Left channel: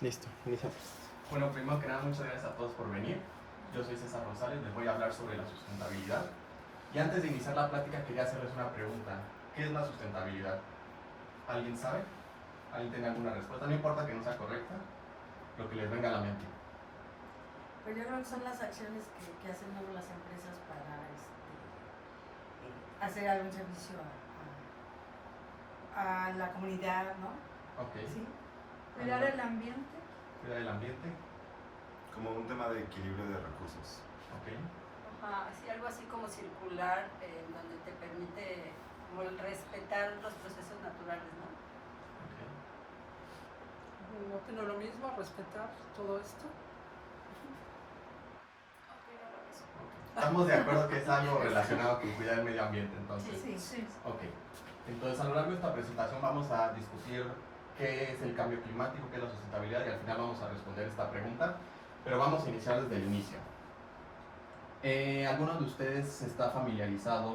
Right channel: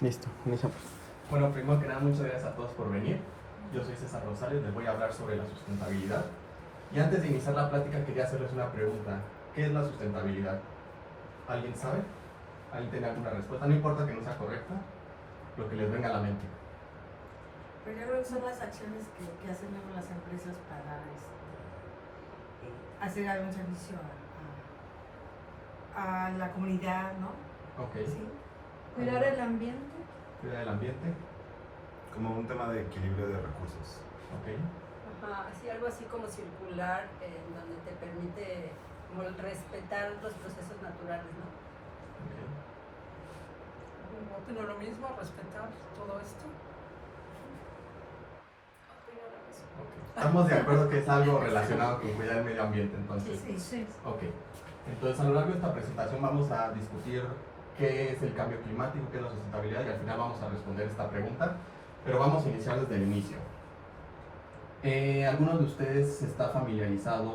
Listo, iniciamos. Bueno, primero que nada, muchas gracias a todos por venir. Yo soy César Rosales, les voy a hablar sobre la sustentabilidad. Y antes de iniciar la plática quería hacerles una pregunta. ¿Qué es la sustentabilidad? ¿Alguien sabe? ¿Alguien tiene alguna respuesta? No importa que no sea correcta, lo que les venga a la mente. Primero son las acciones que hacen las empresas para hacer algún servicio a la comunidad, ¿no? Ok. ¿Sí? Cuidar el ambiente. Cuidar el ambiente. Como un tema de equilibrio de recursos. Ok. Ajá, sí, algo así como circular, donde te permite como el respetar los procesos naturales, ¿no? Ok. ¿No opino lo mismo? ¿Respetar todo esto? Estamos de acuerdo que es algo relacionado con cuidar el medio ambiente, entonces. Sí. Ok. Entonces, a lo largo de esta presentación vamos a discutir qué es el cambio climático, qué es la sustentabilidad y al final vamos a responder esta pregunta, pero vamos a iniciar desde el inicio. ¿Alguno de ustedes está familiarizado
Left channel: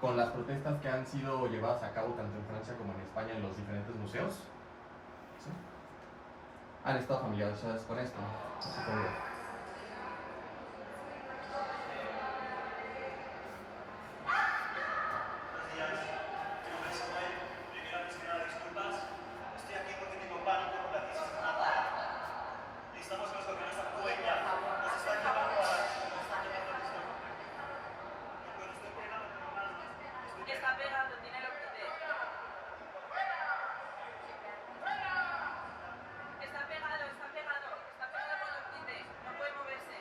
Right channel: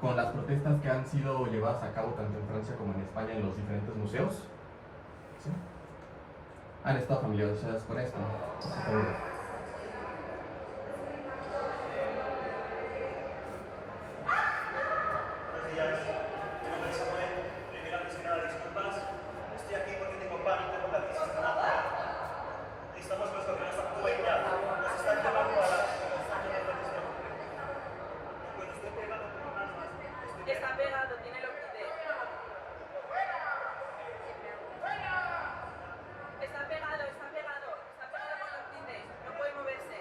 con las protestas que han sido llevadas a cabo tanto en Francia como en España en los diferentes museos? ¿Sí? ¿Han estado familiarizados con esto? Supongo. Está pegado, tiene lo que Está pegado con los tintes, no puede moverse.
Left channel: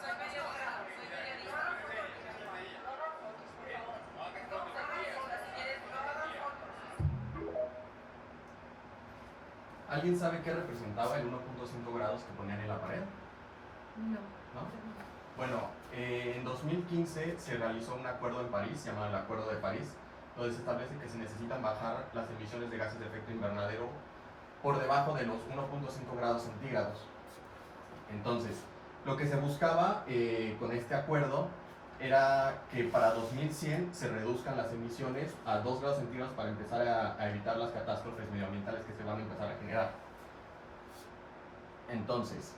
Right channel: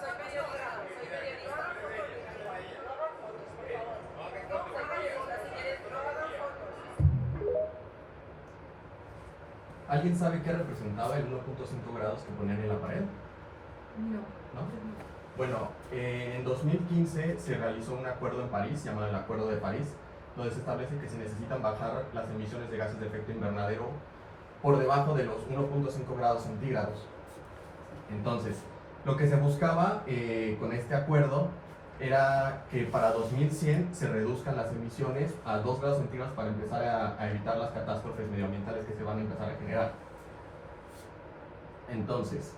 Soy periodista, si quieres ¿Alguien sabe qué representaba el 1.5 grados que ponían en la pared? No. ¿No? Bueno, en 2015 se realizó un acuerdo en París, llamado el Acuerdo de París, donde se establece que se necesitan bajar las emisiones de gases de efecto invernadero por debajo de los 1.5 grados centígrados. Entonces, lo que se buscaba con este acuerdo era que para 2100 se reduzcan las emisiones a 2 grados centígrados para empezar a evitar las catástrofes medioambientales que se van a empezar a generar. Entonces,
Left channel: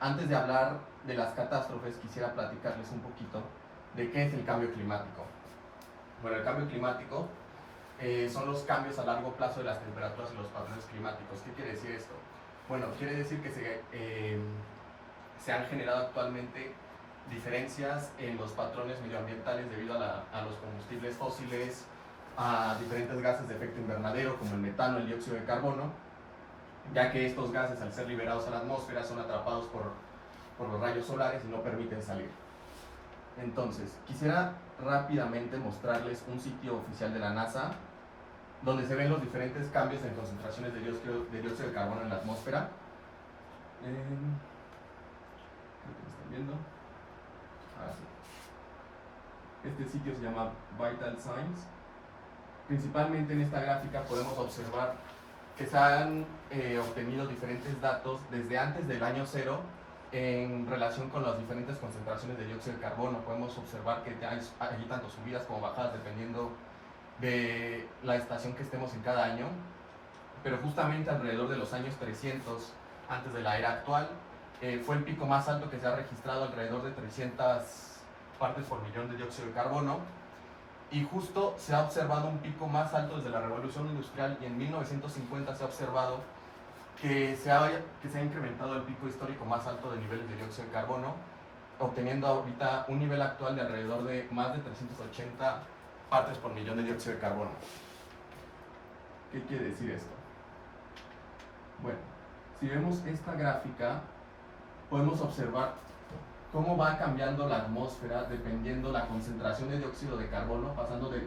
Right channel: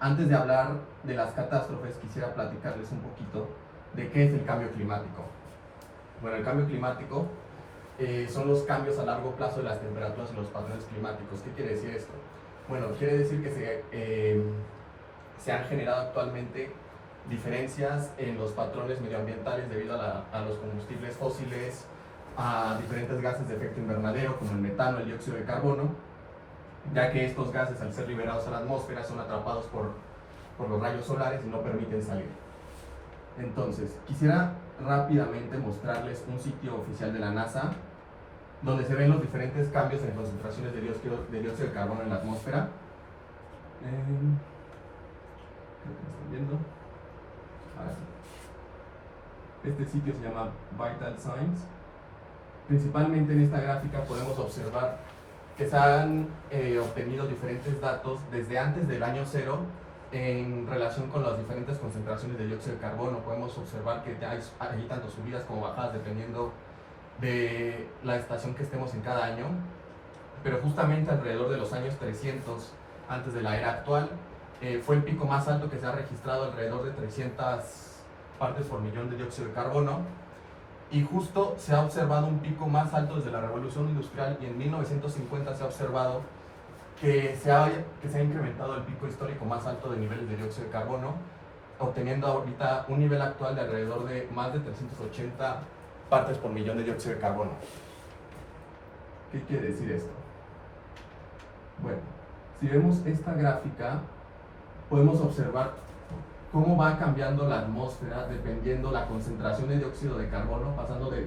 antes de hablar de las catástrofes, quisiera platicarles un poquito de qué es el cambio climático. Bueno, el cambio climático son los cambios a largo plazo de las temperaturas y los patrones climáticos. ¿Qué quiere decir esto? Bueno, quiere decir que se han generado actualmente diferencias en los patrones medioambientales debido a los combustibles fósiles, a diferentes gases de efecto invernadero como el metano, el dióxido de carbono, ya que estos gases al ser liberados a la atmósfera son atrapados por los rayos solares y no permiten salir. Entonces, quisiera rápidamente mostrarles un sitio oficial de la NASA donde se ven los diferentes cambios en concentraciones de dióxido de carbono en la atmósfera. Creo que me están viendo. Este sitio se llama Vital Signs. Principalmente en esta gráfica podemos observar que se han obtenido diferentes datos desde antes del año cero en relación con las diferentes concentraciones de dióxido de carbono. Podemos observar que hay tanto subidas como bajadas dependiendo de la estación que estemos en cada año, pero justamente alrededor de los años 300 antes de la era actual fue el pico más alto que se ha registrado, alrededor de 300 partes por millón de dióxido de carbono, y justo se ha observado un pico más alto desde la revolución industrial, y en 1950 se ha observado que se ha incrementado el pico histórico más alto de niveles de dióxido de carbono, obteniendo ahorita un nivel actual de alrededor de más de 380 partes por millón de dióxido de carbono. ¿Qué quiere decir esto? Bueno, si vemos esta gráfica, podemos observar cómo va cambiando la atmósfera dependiendo la concentración de dióxido de carbono, pasando de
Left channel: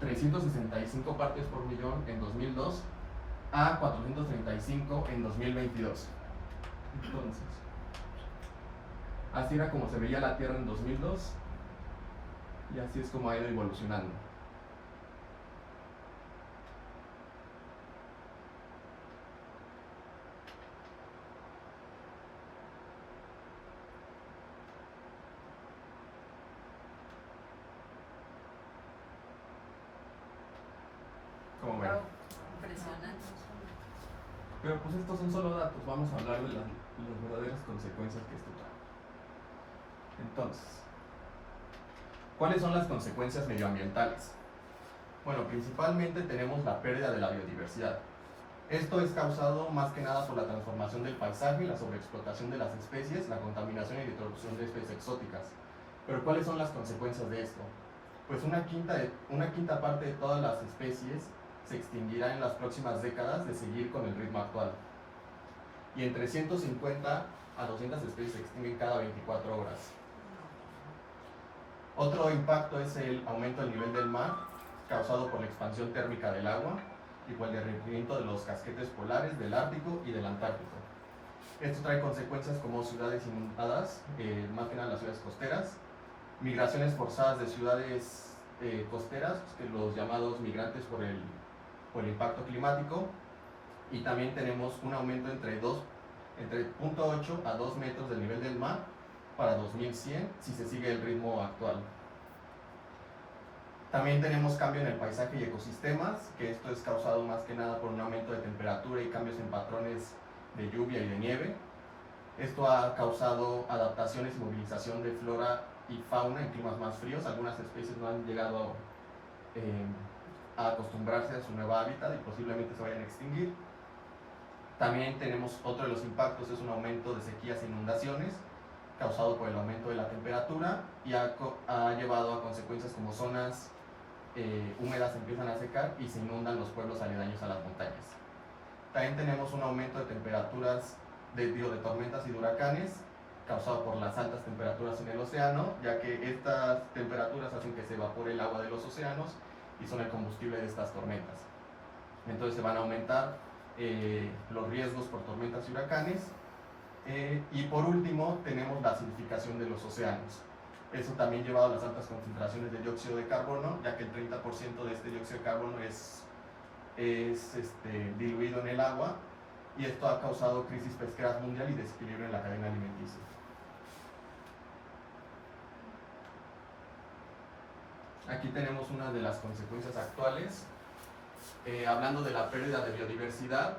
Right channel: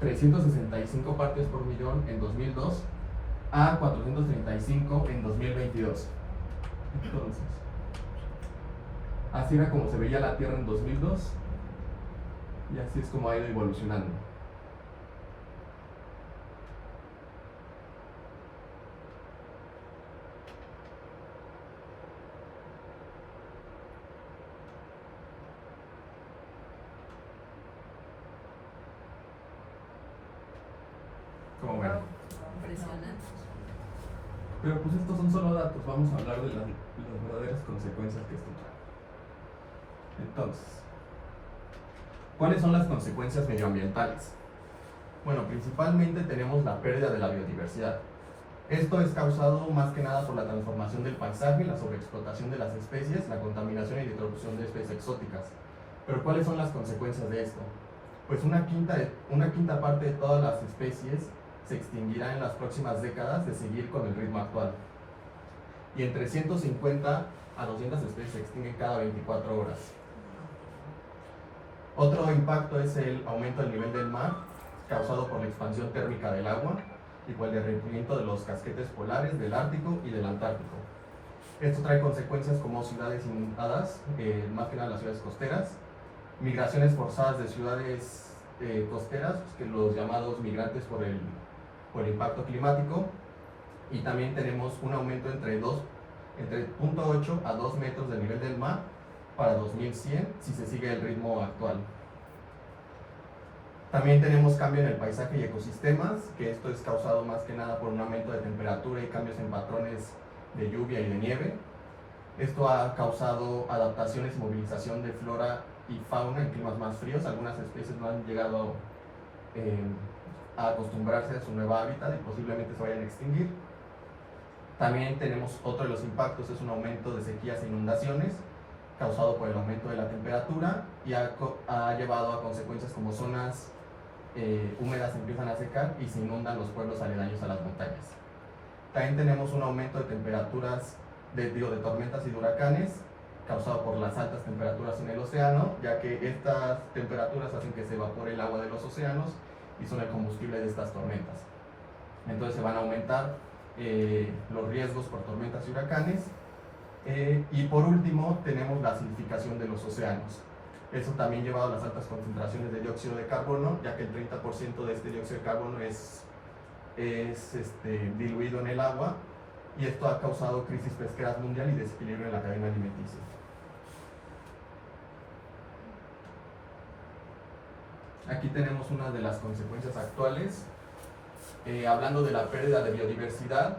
365 partes por millón en 2002 a 435 en 2022. Entonces, así era como se veía la Tierra en 2002 y así es como ha ido evolucionando. Bueno. Impresionante. Pero pues estos son solo datos, vamos a hablar de las verdaderas consecuencias que esto trae. Entonces, ¿cuáles son las consecuencias medioambientales? Bueno, principalmente tenemos la pérdida de la biodiversidad. Esto es causado más que nada por la transformación del paisaje, la sobreexplotación de las especies, la contaminación y la introducción de especies exóticas. Pero ¿cuáles son las consecuencias de esto? Pues una quinta parte de todas las especies se extinguirá en las próximas décadas de seguir con el ritmo actual. Y entre 150 a 200 especies se extinguen cada 24 horas. Otro impacto es el aumento del nivel del mar, causado por la expansión térmica del agua y por el derretimiento de los casquetes polares del Ártico y del Antártico. Esto trae consecuencias como ciudades inundadas, más que nada las ciudades costeras, migraciones forzadas de ciudades costeras, que los llamados migrantes por el impacto climático, y también tenemos un aumento entre 0.8 a 2 metros del nivel del mar para 2100 si se sigue el ritmo actual. También tenemos cambio en el paisaje y ecosistemas, que esto es causado más que nada por un aumento de temperatura y cambios en patrones de lluvia y de nieve. Esto ha causado adaptaciones y movilización de flora y fauna en climas más fríos. Algunas especies no han llegado a acostumbrarse a su nuevo hábitat y posiblemente se vayan a extinguir. También tenemos otro de los impactos, es un aumento de sequías e inundaciones causado por el aumento de la temperatura y ha llevado a consecuencias como zonas húmedas empiezan a secar y se inundan los pueblos aledaños a las montañas. También tenemos un aumento de temperaturas, de tormentas y de huracanes causado por las altas temperaturas en el océano, ya que estas temperaturas hacen que se evapore el agua de los océanos y son el combustible de estas tormentas. Entonces se van a aumentar los riesgos por tormentas y huracanes. Y por último tenemos la acidificación de los océanos. Eso también llevado a las altas concentraciones de dióxido de carbono, ya que el 30% de este dióxido de carbono es diluido en el agua, y esto ha causado crisis pesqueras mundial y desequilibrio en la cadena alimenticia. Aquí tenemos una de las consecuencias actuales. Hablando de la pérdida de biodiversidad,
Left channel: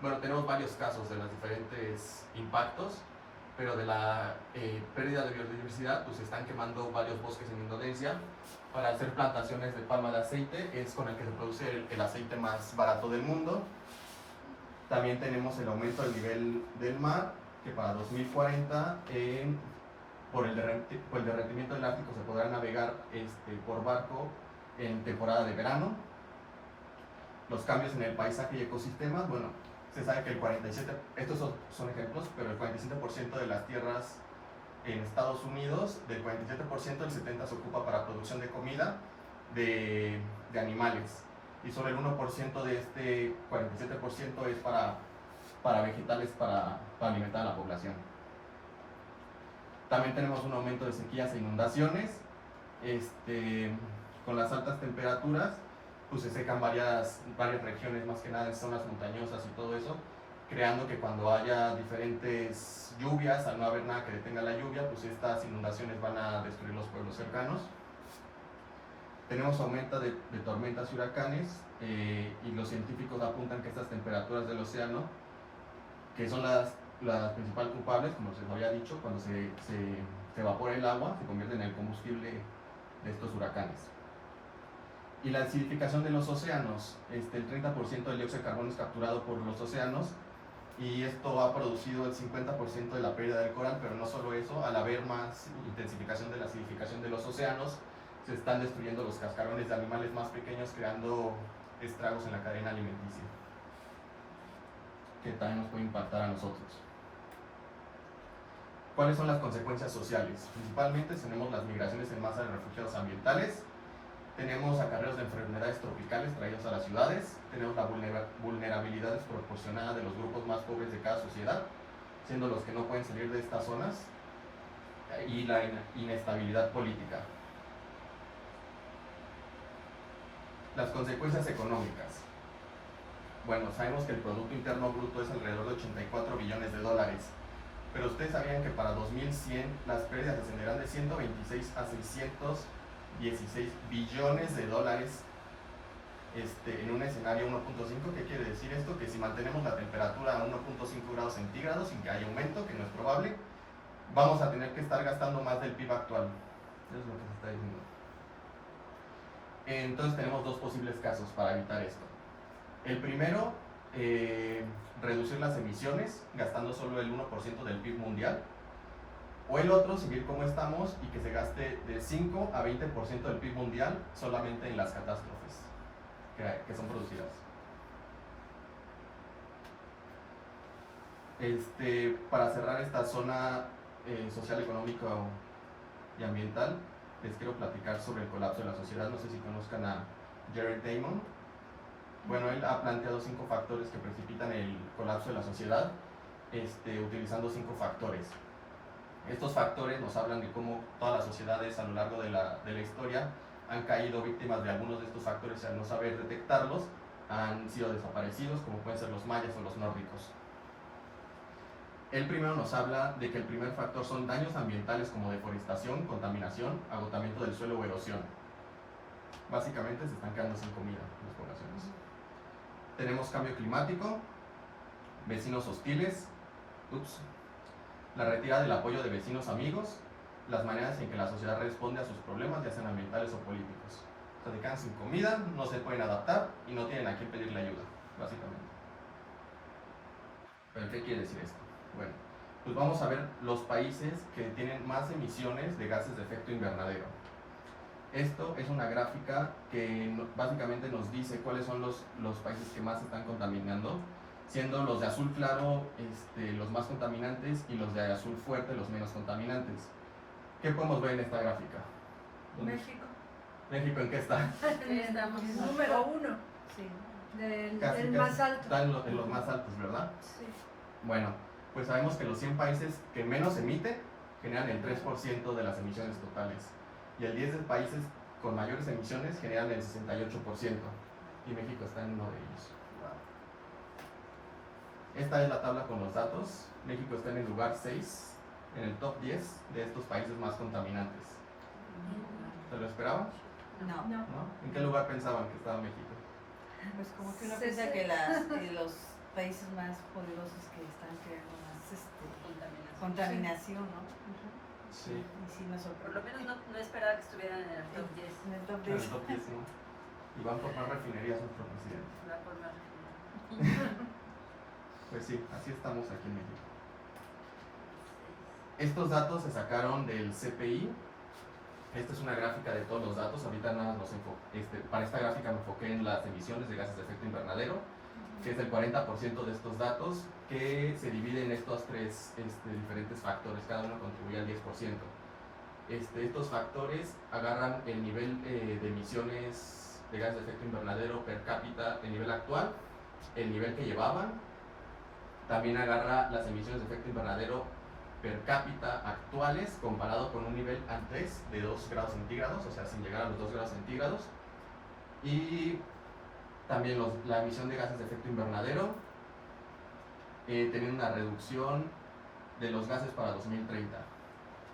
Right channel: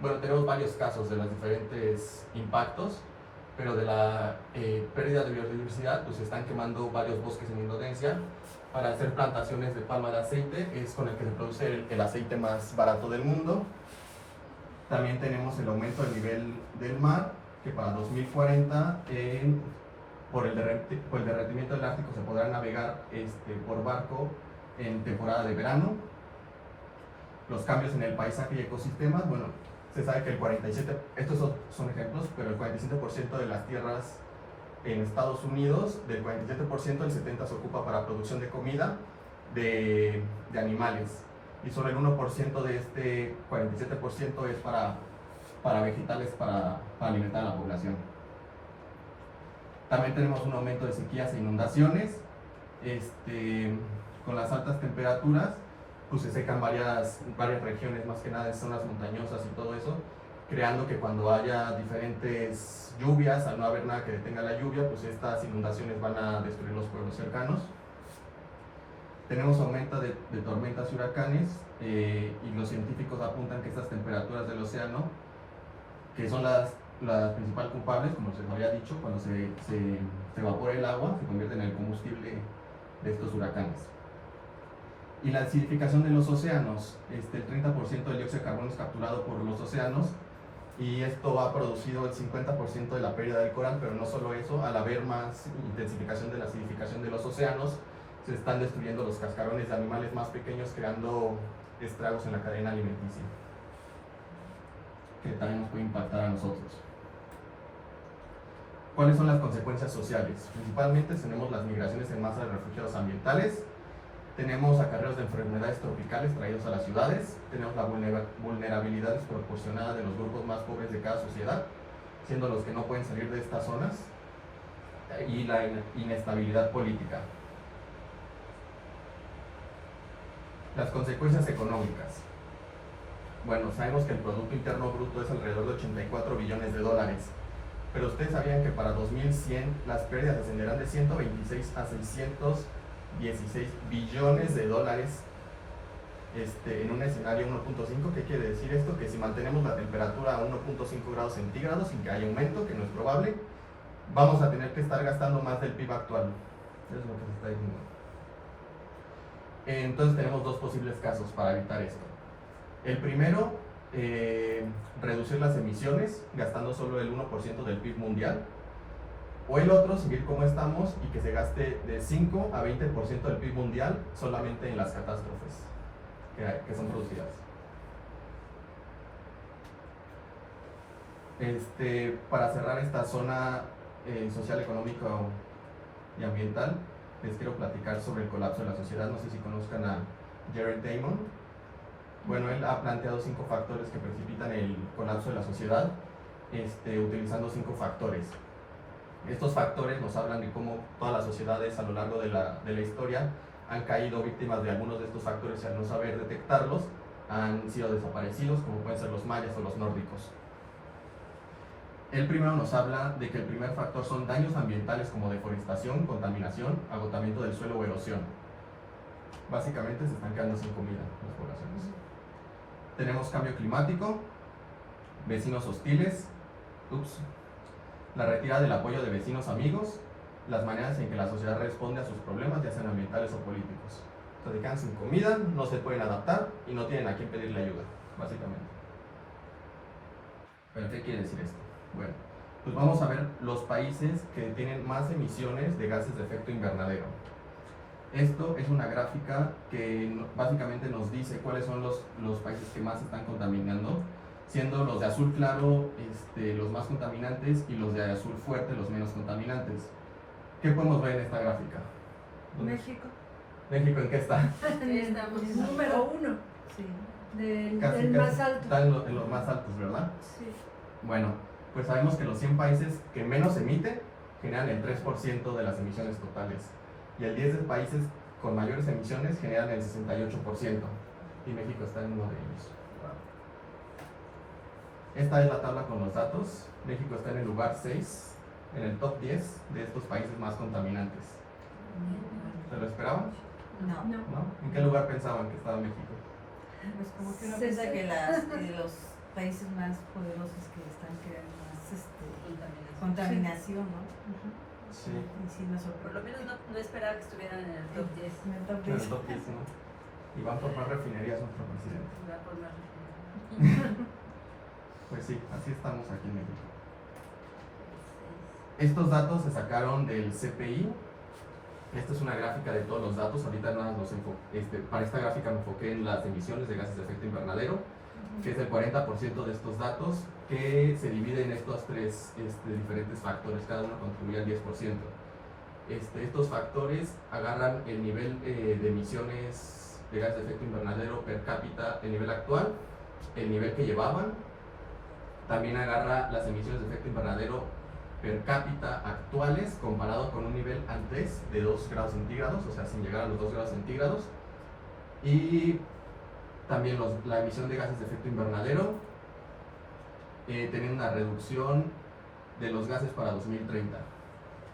bueno, tenemos varios casos de los diferentes impactos, pero de la pérdida de biodiversidad, pues se están quemando varios bosques en Indonesia para hacer plantaciones de palma de aceite, es con el que se produce el aceite más barato del mundo. También tenemos el aumento del nivel del mar, que para 2040, por el derretimiento del Ártico, se podrá navegar por barco en temporada de verano. Los cambios en el paisaje y ecosistemas, bueno, se sabe que el 47%, estos son ejemplos, pero el 47% de las tierras en Estados Unidos, del 47%, el 70% se ocupa para producción de comida de animales, y solo el 1% de este 47% es para vegetales, para alimentar a la población. También tenemos un aumento de sequías e inundaciones. Con las altas temperaturas, pues se secan varias regiones, más que nada en zonas montañosas y todo eso, creando que cuando haya diferentes lluvias, al no haber nada que detenga la lluvia, pues estas inundaciones van a destruir los pueblos cercanos. Tenemos aumento de tormentas y huracanes, y los científicos apuntan que estas temperaturas del océano, que son las principales culpables, como se les había dicho, cuando se evapora el agua, se convierte en el combustible de estos huracanes. Y la acidificación de los océanos, el 30% del dióxido de carbono es capturado por los océanos, y esto ha producido el 50% de la pérdida del coral. Pero no solo eso, al haber más intensificación de la acidificación de los océanos, se están destruyendo los cascarones de animales más pequeños, creando estragos en la cadena alimenticia, que también nos puede impactar a nosotros. ¿Cuáles son las consecuencias sociales? Principalmente tenemos las migraciones en masa de refugiados ambientales, tenemos acarreos de enfermedades tropicales traídos a las ciudades, tenemos la vulnerabilidad desproporcionada de los grupos más pobres de cada sociedad, siendo los que no pueden salir de estas zonas, y la inestabilidad política. Las consecuencias económicas. Bueno, sabemos que el Producto Interno Bruto es alrededor de 84 billones de dólares, pero ustedes sabían que para 2100 las pérdidas descenderán de 126 a 616 billones de dólares en un escenario 1.5. ¿Qué quiere decir esto? Que si mantenemos la temperatura a 1.5 grados centígrados sin que haya aumento, que no es probable, vamos a tener que estar gastando más del PIB actual. Eso es lo que se está diciendo. Entonces tenemos dos posibles casos para evitar esto. El primero, reducir las emisiones gastando solo el 1% del PIB mundial. O el otro, seguir como estamos y que se gaste de 5 a 20% del PIB mundial solamente en las catástrofes que son producidas. Para cerrar esta zona social, económico y ambiental, les quiero platicar sobre el colapso de la sociedad. No sé si conozcan a Jared Diamond. Bueno, él ha planteado 5 factores que precipitan el colapso de la sociedad, utilizando 5 factores. Estos factores nos hablan de cómo todas las sociedades a lo largo de la historia han caído víctimas de algunos de estos factores y al no saber detectarlos han sido desaparecidos, como pueden ser los mayas o los nórdicos. El primero nos habla de que el primer factor son daños ambientales como deforestación, contaminación, agotamiento del suelo o erosión. Básicamente se están quedando sin comida las poblaciones. Tenemos cambio climático, vecinos hostiles, la retirada del apoyo de vecinos amigos, las maneras en que la sociedad responde a sus problemas, ya sean ambientales o políticos. O sea, se quedan sin comida, no se pueden adaptar y no tienen a quién pedirle ayuda, básicamente. ¿Pero qué quiere decir esto? Bueno, pues vamos a ver los países que tienen más emisiones de gases de efecto invernadero. Esto es una gráfica que básicamente nos dice cuáles son los países que más están contaminando, siendo los de azul claro los más contaminantes y los de azul fuerte los menos contaminantes. ¿Qué podemos ver en esta gráfica? México. ¿México en qué está? Estamos Número 1. Sí. del más alto. Están en los más altos, ¿verdad? Sí. Bueno, pues sabemos que los 100 países que menos emiten generan el 3% de las emisiones totales. Y el 10 de países con mayores emisiones generan el 68%. Y México está en uno de ellos. Esta es la tabla con los datos. México está en el lugar 6, en el top 10 de estos países más contaminantes. ¿Se lo esperaban? No. ¿No? ¿En qué lugar pensaban que estaba México? Pues como que uno piensa que los países más poderosos que están creando más contaminación, ¿no? Sí. Y sí nos Por lo sorprende. menos no esperaba que estuvieran en el top 10. En el top En el 10. top 10, ¿no? Y van por más refinerías nuestro presidente. Va por más refinado. Pues sí, así estamos aquí en México. Estos datos se sacaron del CPI. Esta es una gráfica de todos los datos. Ahorita nada más para esta gráfica me enfoqué en las emisiones de gases de efecto invernadero, que es el 40% de estos datos, que se dividen en estos tres diferentes factores. Cada uno contribuye al 10%. Estos factores agarran el nivel de emisiones de gases de efecto invernadero per cápita, el nivel actual, el nivel que llevaban. También agarra las emisiones de efecto invernadero per cápita actuales comparado con un nivel antes de 2 grados centígrados, o sea, sin llegar a los 2 grados centígrados. Y también la emisión de gases de efecto invernadero, teniendo una reducción de los gases para 2030.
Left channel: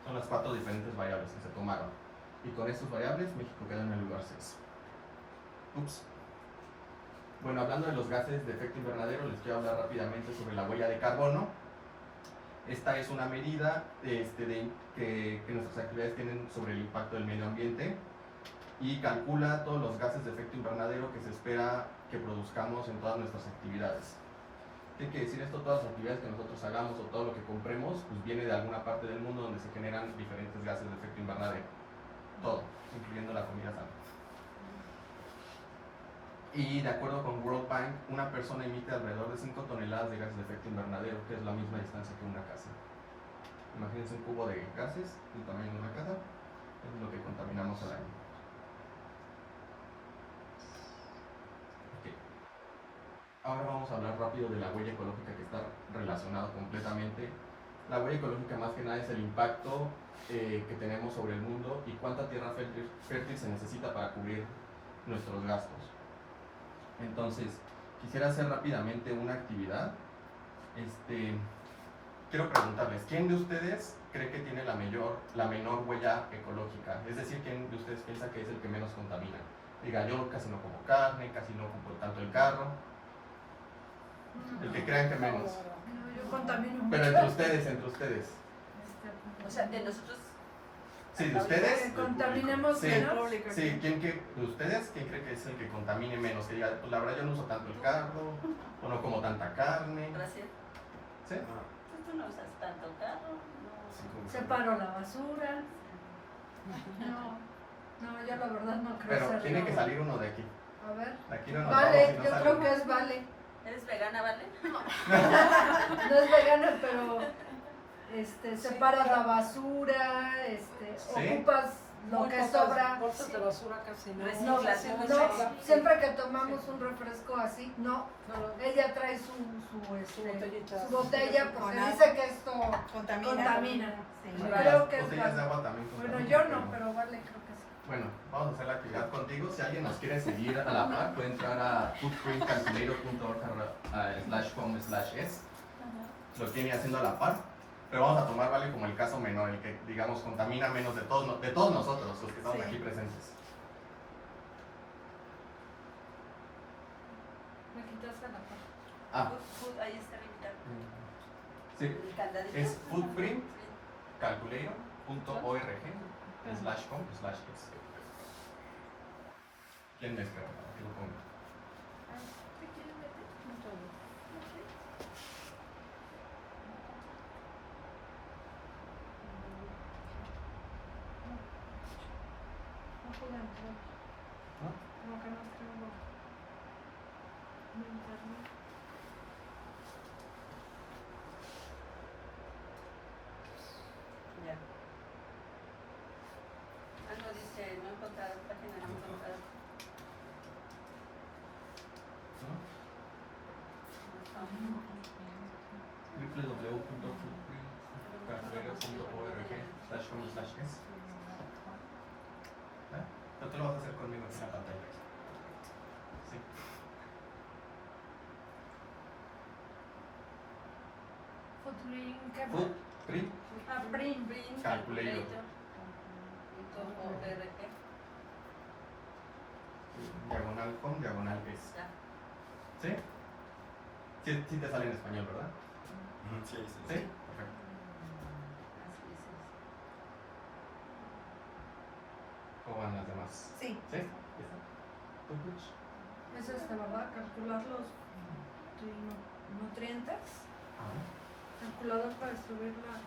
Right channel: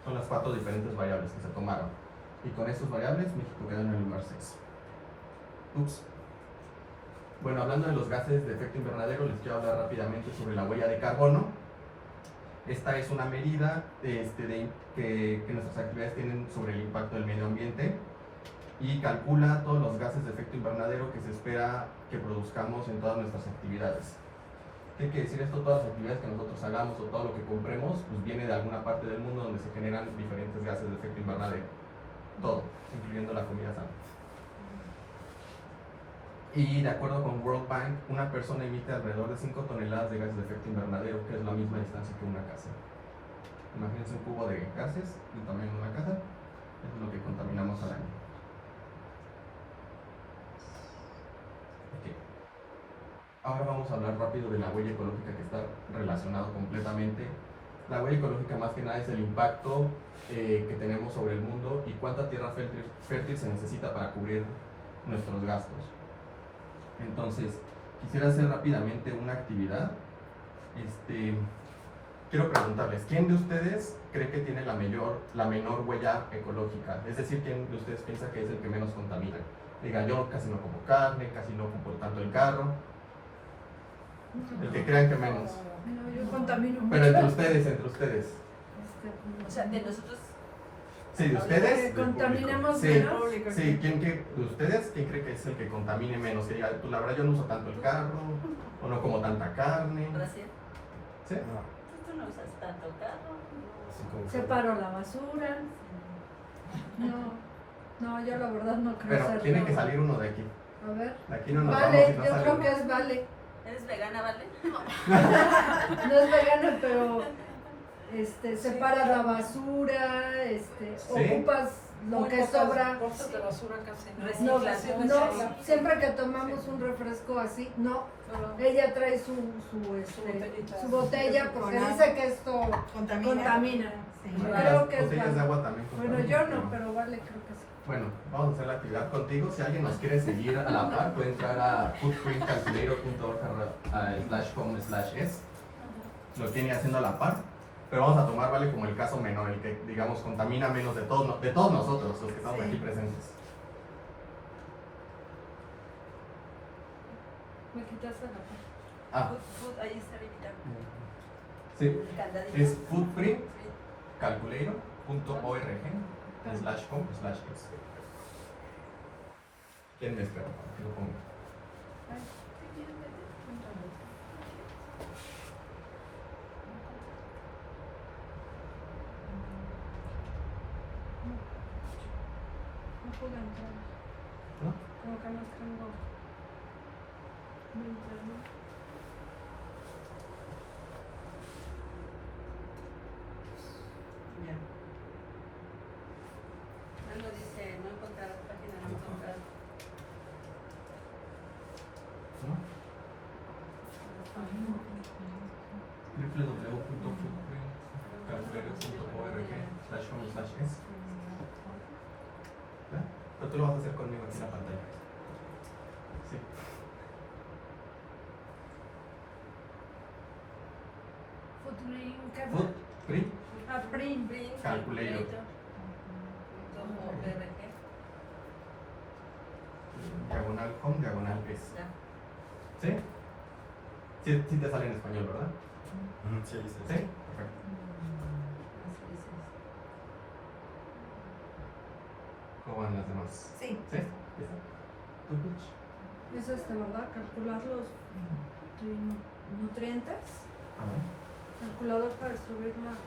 Son las 4 diferentes variables que se tomaron. Y con estas variables, México queda en el lugar 6. Bueno, hablando de los gases de efecto invernadero, les quiero hablar rápidamente sobre la huella de carbono. Esta es una medida que nuestras actividades tienen sobre el impacto del medio ambiente y calcula todos los gases de efecto invernadero que se espera que produzcamos en todas nuestras actividades. ¿Qué quiere decir esto? Todas las actividades que nosotros hagamos o todo lo que compremos, pues viene de alguna parte del mundo donde se generan diferentes gases de efecto invernadero. Todo, incluyendo la comida sana. Y de acuerdo con World Bank, una persona emite alrededor de 5 toneladas de gases de efecto invernadero, que es la misma distancia que una casa. Imagínense un cubo de gases del tamaño de una casa, eso es lo que contaminamos al año. Okay. Ahora vamos a hablar rápido de la huella ecológica, que está relacionado completamente. La huella ecológica más que nada es el impacto que tenemos sobre el mundo y cuánta tierra fértil se necesita para cubrir nuestros gastos. Entonces, quisiera hacer rápidamente una actividad. Quiero preguntarles, ¿quién de ustedes cree que tiene la menor huella ecológica? Es decir, ¿quién de ustedes piensa que es el que menos contamina? Diga, yo casi no como carne, casi no ocupo tanto el carro. El que crean que menos. No, yo contamino mucho. Pero entre ustedes. O sea, de nosotros. Sí, de ustedes. Que contaminemos Sí, menos. sí, de ustedes, ¿quién cree que es el que contamine menos? Que diga, pues la verdad yo no uso tanto el carro, o no como tanta carne. Gracias. ¿Sí? No, Tú no usas tanto carro. sí, como que- Separo la basura. No, yo la verdad no creo Pero ser. tiene que salir uno de aquí. A ver. De aquí no nos Vale, vamos y no yo sale creo uno. que es Vale. ¿Eres vegana, Vale? No es vegana, pero separas la basura, ocupas lo que sobra. Bolsas de basura casi no. No, Reciclas. no, siempre que tomamos un refresco así, no, ella trae su botella porque Con dice que esto contamina. Sí. Yo Las creo que es botellas de Vale. agua también Bueno, contaminan, yo pero- no, pero Vale creo que sí. Bueno, vamos a hacer la actividad contigo. Si alguien nos quiere seguir a la par, puede entrar a footprintcalculator.org/com/es. Lo tiene haciendo a la par. Pero vamos a tomar, vale, como el caso menor, el que, digamos, contamina menos de todos nosotros, los que estamos Sí. aquí presentes. Me quitaste la parte. Ah, Ahí está Rita. sí, El candadito. es footprintcalculator.org/com/es. ¿Quién me espera? Que lo ponga. No puedo entrar. ¿No? Como que no tengo mi internet. Ya. Algo dice, no encontrar página, no encontrar. ¿No? www.footprintcalculator.org/com/es. ¿Ve? Pero tú lo vas a hacer conmigo aquí en la pantalla. Sí. ¿Qué? Footprint Ah, print. Calculator. diagonal com, diagonal es. ¿Sí? Sí, sí te sale en español, ¿verdad? Ujú, sí, sí, Sí. sí. Perfecto. ¿Cómo van las demás? Sí. ¿Sí? ¿Ya está? ¿Tú, Puch? Es ¿verdad? Calcular los nutrientes. A ver. Calculador para escribir la nutrientes.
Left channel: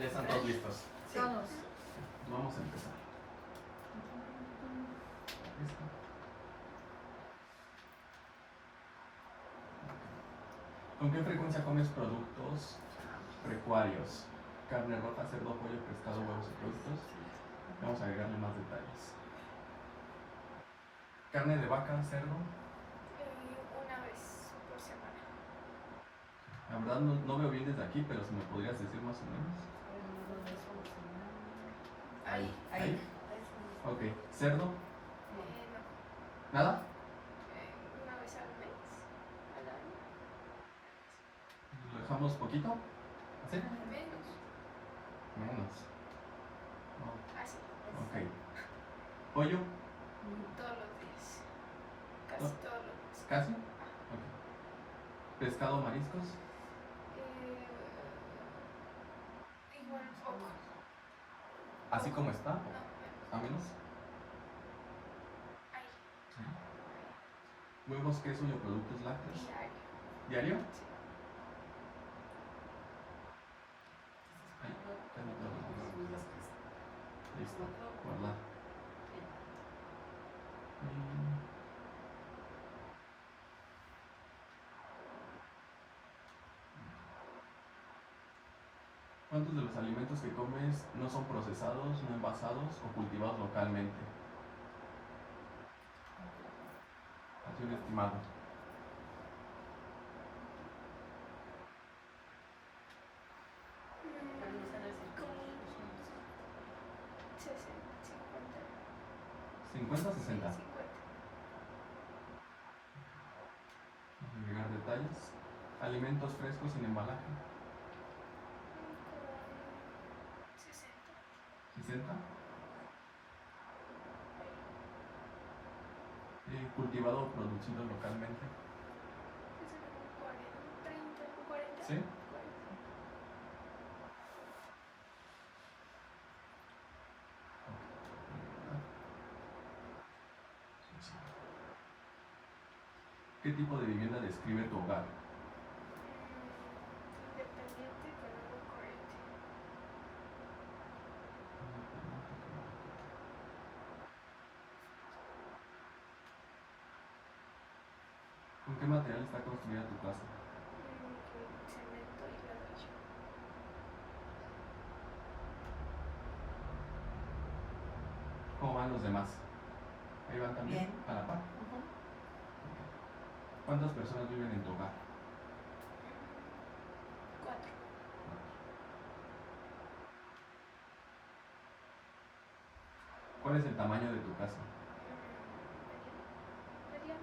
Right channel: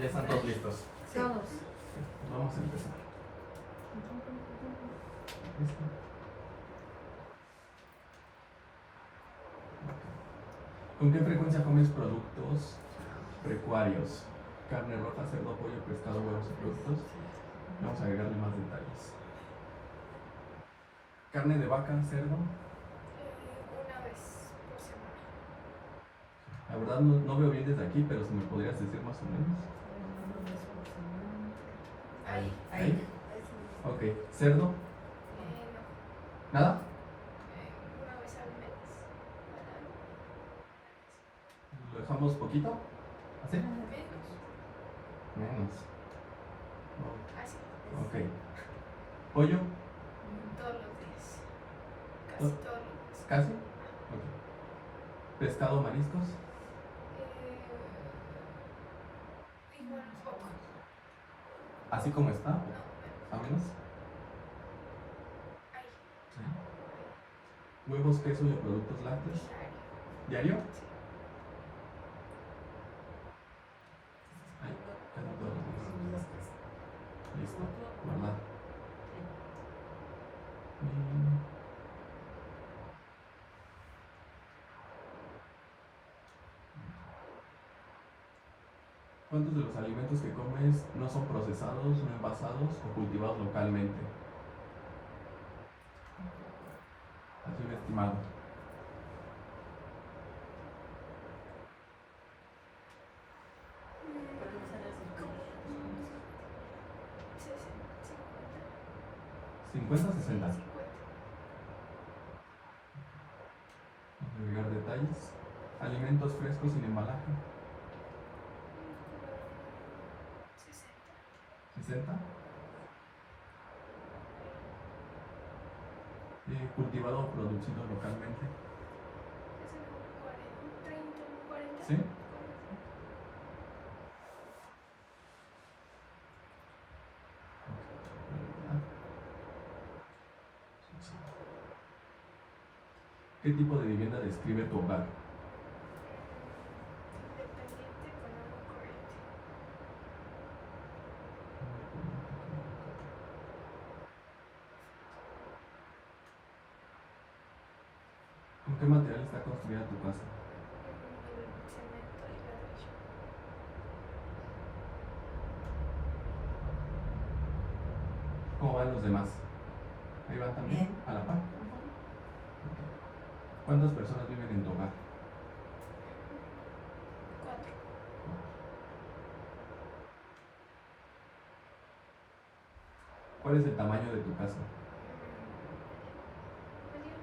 Ya están todos listos. Todos. Vamos a empezar. ¿Listo? ¿Con qué frecuencia comes productos pecuarios? Carne roja, cerdo, pollo, pescado, huevos y productos. Vamos a agregarle más detalles. Carne de vaca, cerdo. Una vez por semana. La verdad no veo bien desde aquí, pero si me podrías decir más o menos. Ahí. Ok. ¿Cerdo? No. ¿Nada? Una vez al mes. ¿Lo dejamos poquito? ¿Así? Menos. Menos. No. Así. Ok. ¿Pollo? Todos los días. Casi ¿No? todos los días. ¿Casi? Ok. ¿Pescado, mariscos? Igual poco. ¿Así como está? ¿A menos? ¿Sí? ¿Huevos, queso y o productos lácteos? Diario. ¿Diario? Ay, casi todos los días. Listo. Guardar. ¿Cuántos de los alimentos que comes no son procesados, no envasados o cultivados localmente? aproximado. Podemos hacer así como- 50 o 60. Agregar detalles. Alimentos frescos sin embalaje. 60. Cultivado o producido localmente. ¿Sí? ¿Qué tipo de vivienda describe tu hogar? ¿Con qué material está construida tu casa? ¿Cómo van los demás? ¿Ahí van también? Bien. ¿A la par? ¿Cuántas personas viven en tu hogar? 4. ¿Cuál es el tamaño de tu casa? Mediano.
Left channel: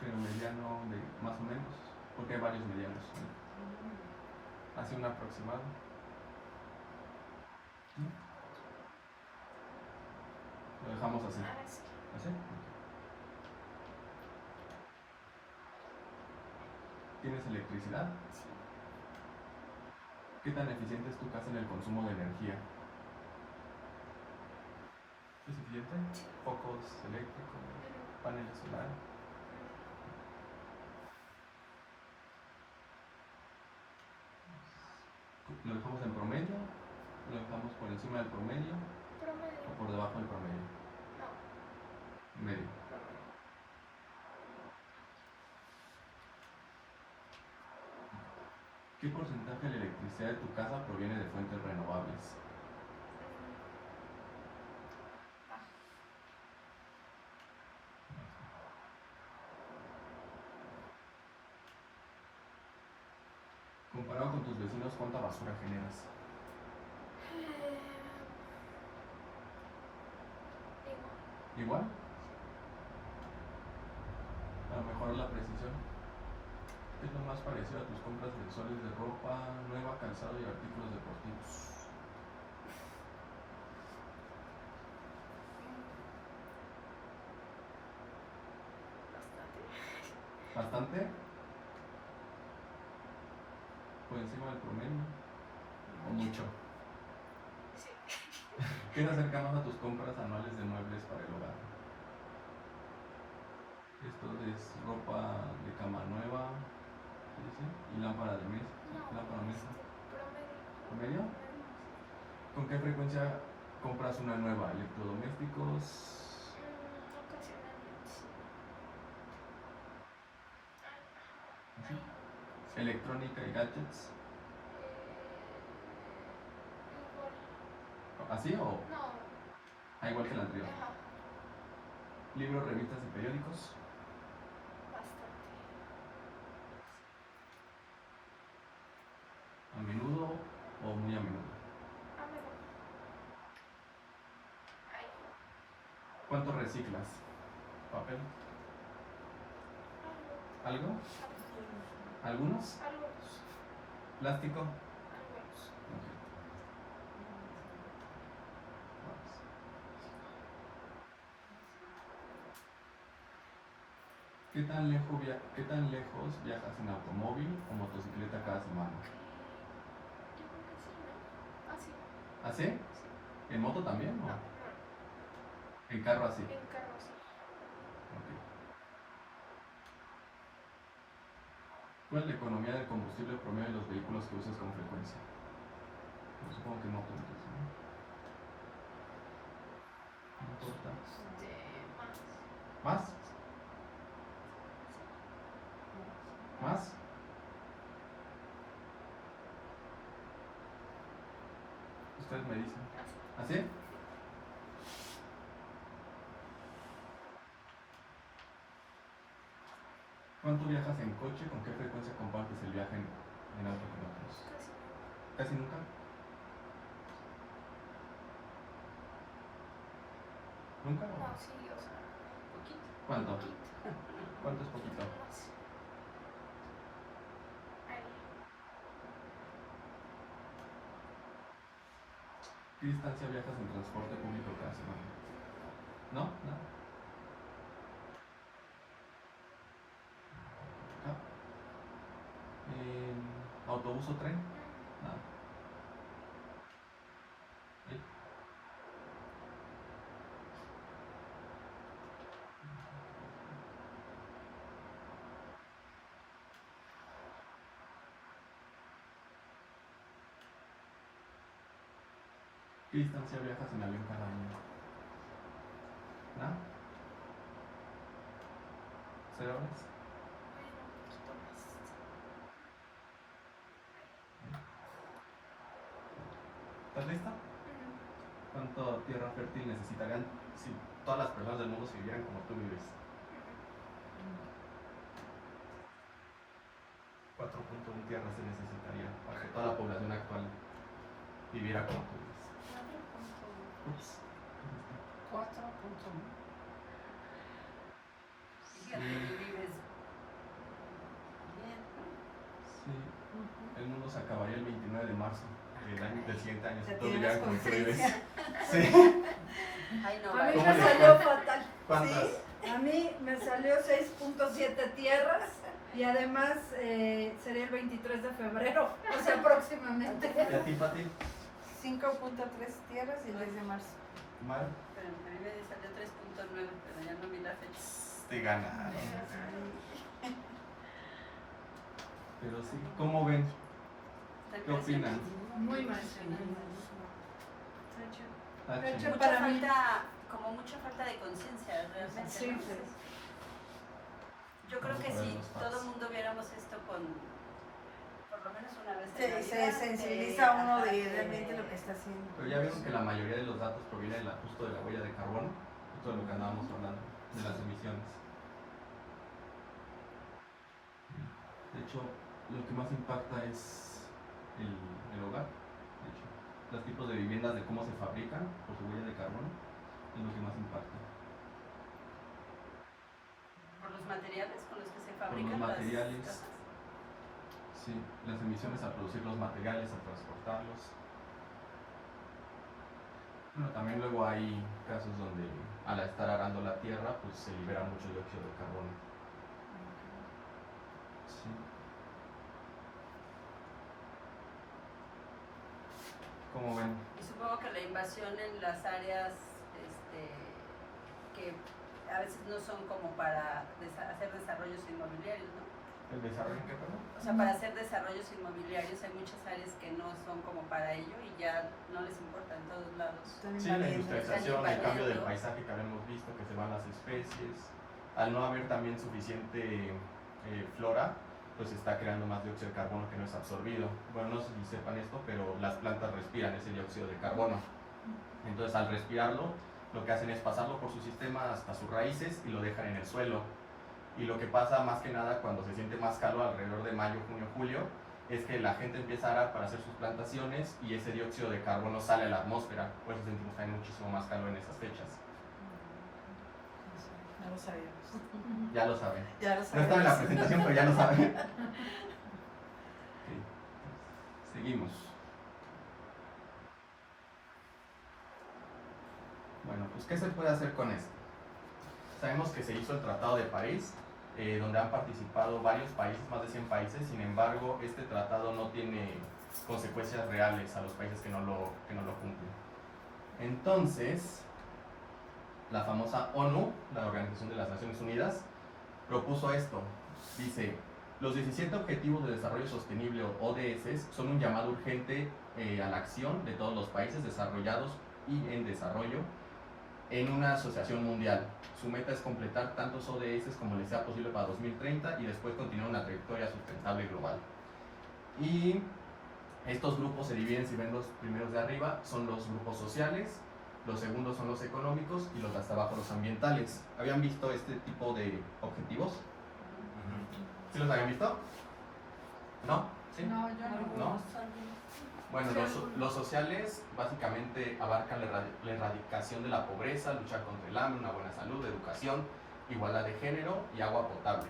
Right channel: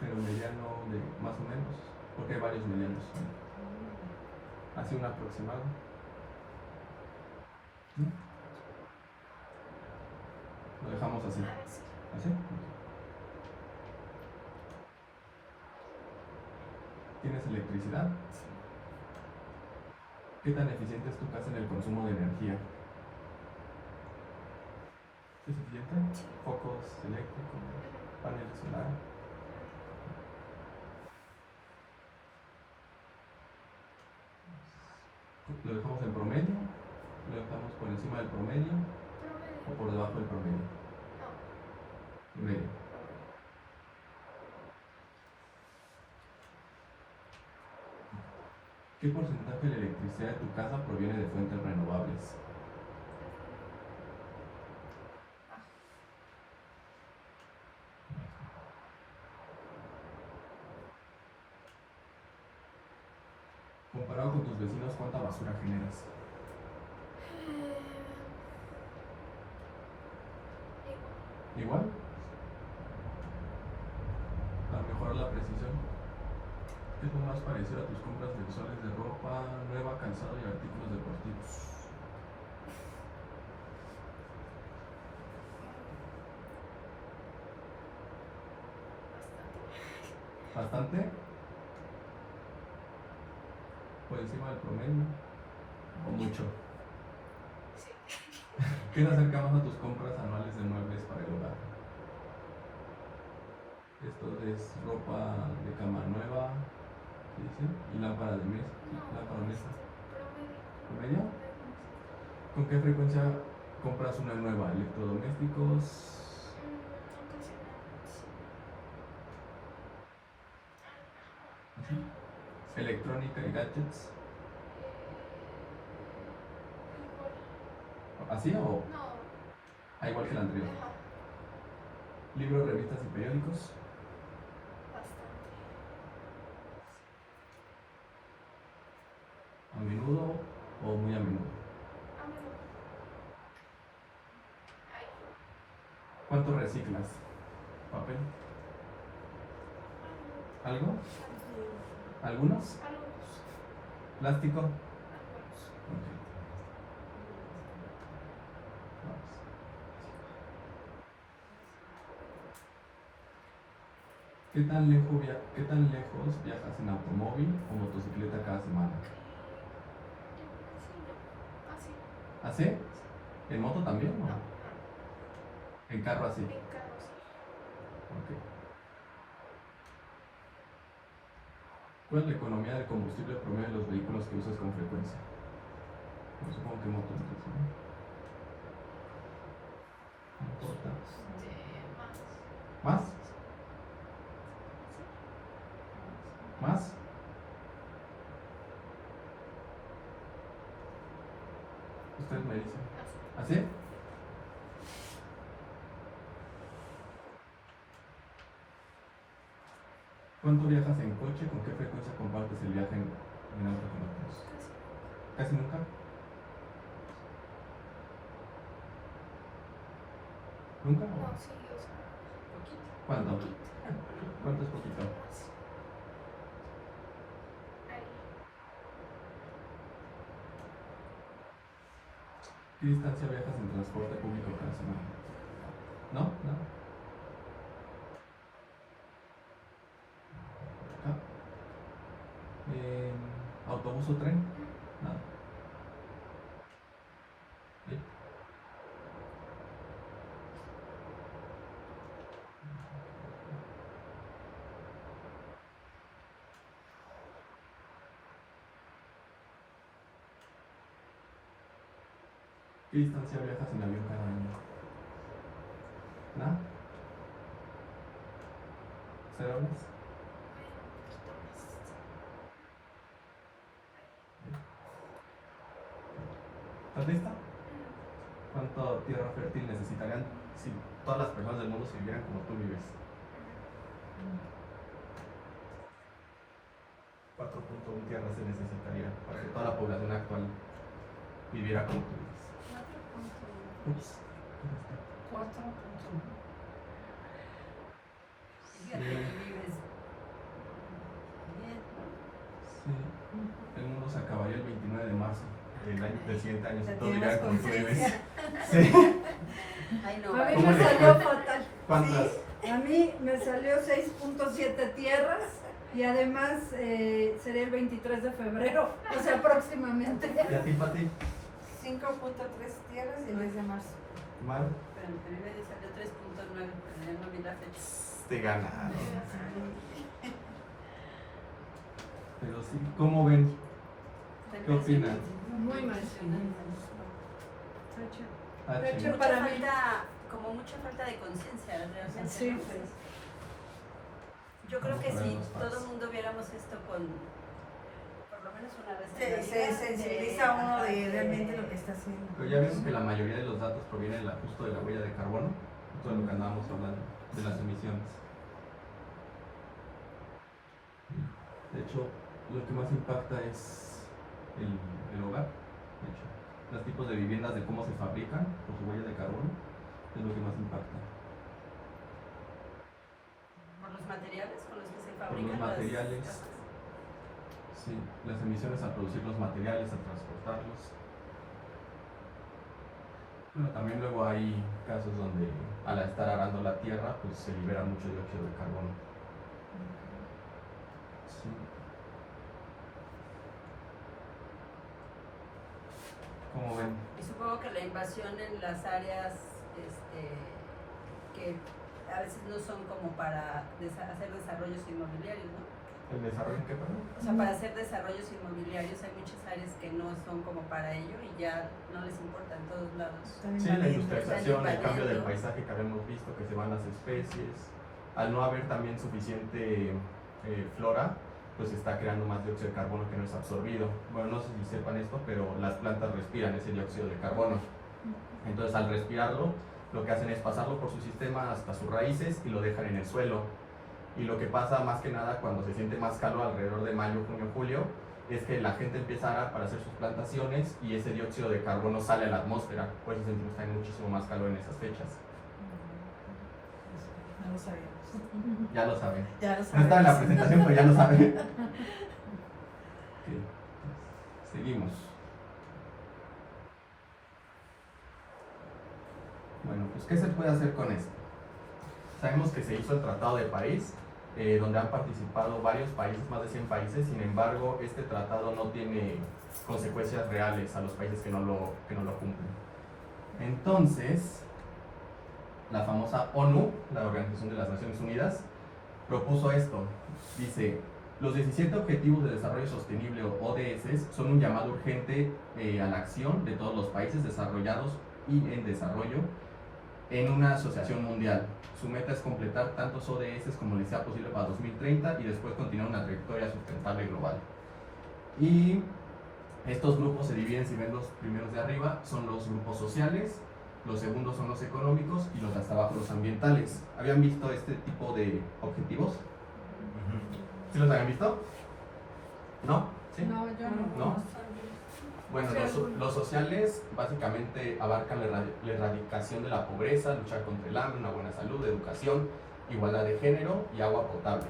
Pero mediano de más o menos, porque hay varios medianos. Hace un aproximado. ¿Sí? Lo dejamos así. ¿Así? ¿Tienes electricidad? ¿Qué tan eficiente es tu casa en el consumo de energía? ¿Es eficiente? ¿Focos eléctricos? ¿Paneles solares? ¿Lo dejamos en promedio? ¿Lo dejamos por encima del promedio? ¿O por debajo del promedio? En medio. ¿Qué porcentaje de la electricidad de tu casa proviene de fuentes renovables? Comparado con tus vecinos, ¿cuánta basura generas? ¿Igual? Para mejorar la precisión. ¿Qué es lo más parecido a tus compras mensuales de ropa nueva, calzado y artículos deportivos? ¿Bastante? ¿Por encima del promedio? ¿O mucho? ¿Qué te acerca más a tus compras anuales de muebles para el hogar? Esto es ropa de cama nueva, ¿sí dice? Y lámpara de mesa. Lámpara de mesa. ¿Promedio? ¿Con qué frecuencia compras una nueva? ¿Electrodomésticos? ¿Así? ¿Electrónica y gadgets? ¿Así o? No. Ah, igual que el anterior. ¿Libros, revistas y periódicos? ¿A menudo o muy a menudo? ¿Cuánto reciclas? ¿Papel? ¿Algo? ¿Algunos? ¿Plástico? Ok. Vamos. ¿Qué tan lejos viajas en automóvil o motocicleta cada semana? ¿Así? ¿En moto también o no? ¿En carro así? Ok. ¿Cuál es la economía del combustible promedio de los vehículos que usas con frecuencia? No supongo que moto entonces, ¿no? No importa. ¿Más? ¿Más? Ustedes me dicen. ¿Así? ¿Cuánto viajas en coche? ¿Con qué frecuencia compartes el viaje en auto con otros? ¿Casi nunca? ¿Nunca? No, sí, o sea, poquito. ¿Cuánto? Poquito. ¿Cuánto es poquito? Ahí. ¿Qué distancia viajas en transporte público cada semana? ¿No? ¿No? ¿Acá? ¿Autobús o tren? No. ¿Sí? ¿Qué distancia viajas en avión cada año? ¿No? ¿0 horas? ¿Estás lista? ¿Cuánto tierra fértil necesitarían si todas las personas del mundo se vivieran como tú vives? 4.1 tierras se necesitaría para que toda la población actual viviera como tú vives. Ups. 4.1. Fíjate que vives bien, Sí. El mundo se acabaría el 29 de marzo del siguiente año si Ya todos tienes vivieran como tú vives. conciencia. Sí. ¿no? Ay, no, A mí ¿Cómo me le salió fue? fatal. ¿Cuántas? A mí me salió 6.7 tierras y además sería el 23 de febrero, o sea, próximamente. ¿Y a ti, Pati? 5.3 tierras y el 10 de marzo. Mal. Pero a mí me salió 3.9, pero ya no vi la fecha. Te ganaron. Pero sí, ¿cómo ven? ¿Qué opinan? Muy mal. H. De hecho, Mucha para mí. falta, como mucha falta de conciencia, realmente. Sí. ¿no? Yo creo que Vamos a ver si los facts. todo el mundo viéramos esto con, por lo menos una vez en la Se vida, sensibiliza uno de realmente lo que está haciendo. Pero ya vimos que la mayoría de los datos provienen justo de la huella de carbono, todo lo que andábamos hablando, de las emisiones. De hecho, lo que más impacta es el hogar. De hecho, los tipos de viviendas, de cómo se fabrican por su huella de carbono, es lo que más impacta. por los materiales con los que se Por fabrican los las materiales, casas. sí, las emisiones al producir los materiales, al transportarlos. Pero también luego hay casos donde al estar arando la tierra, pues se libera mucho dióxido de carbono. Sí. ¿Cómo ven? Y supongo que la invasión en las áreas que a veces no son como para hacer desarrollos inmobiliarios, ¿no? ¿El desarrollo qué, perdón? O sea, para hacer desarrollos inmobiliarios hay muchas áreas que no son como para ello y ya no les importa en todos lados. Sí, la industrialización, el Están cambio del invadiendo. paisaje que habíamos visto, que se van las especies. Al no haber también suficiente flora, pues se está creando más dióxido de carbono que no es absorbido. Bueno, no sé si sepan esto, pero las plantas respiran ese dióxido de carbono. Entonces, al respirarlo, lo que hacen es pasarlo por su sistema hasta sus raíces y lo dejan en el suelo. Y lo que pasa más que nada cuando se siente más calor alrededor de mayo, junio, julio, es que la gente empieza a arar para hacer sus plantaciones y ese dióxido de carbono sale a la atmósfera. Por eso sentimos que hay muchísimo más calor en esas fechas. No lo sabíamos. Ya lo saben. Ya lo No estaba en la sabemos. presentación, pero ya lo saben. Ok, seguimos. Bueno, pues ¿qué se puede hacer con esto? Sabemos que se hizo el Tratado de París, donde han participado varios países, más de 100 países. Sin embargo, este tratado no tiene consecuencias reales a los países que no lo cumplen. Entonces, la famosa ONU, la Organización de las Naciones Unidas, propuso esto. Dice, los 17 Objetivos de Desarrollo Sostenible o ODS son un llamado urgente a la acción de todos los países desarrollados y en desarrollo en una asociación mundial. Su meta es completar tantos ODS como les sea posible para 2030 y después continuar una trayectoria sustentable global. Y estos grupos se dividen, si ven los primeros de arriba, son los grupos sociales, los segundos son los económicos y los de hasta abajo los ambientales. ¿Habían visto este tipo de objetivos? ¿Sí los habían visto? ¿No? ¿Sí? No, yo no. ¿No? Bueno, los sociales básicamente abarcan la erradicación de la pobreza, luchar contra el hambre, una buena salud, educación, igualdad de género y agua potable.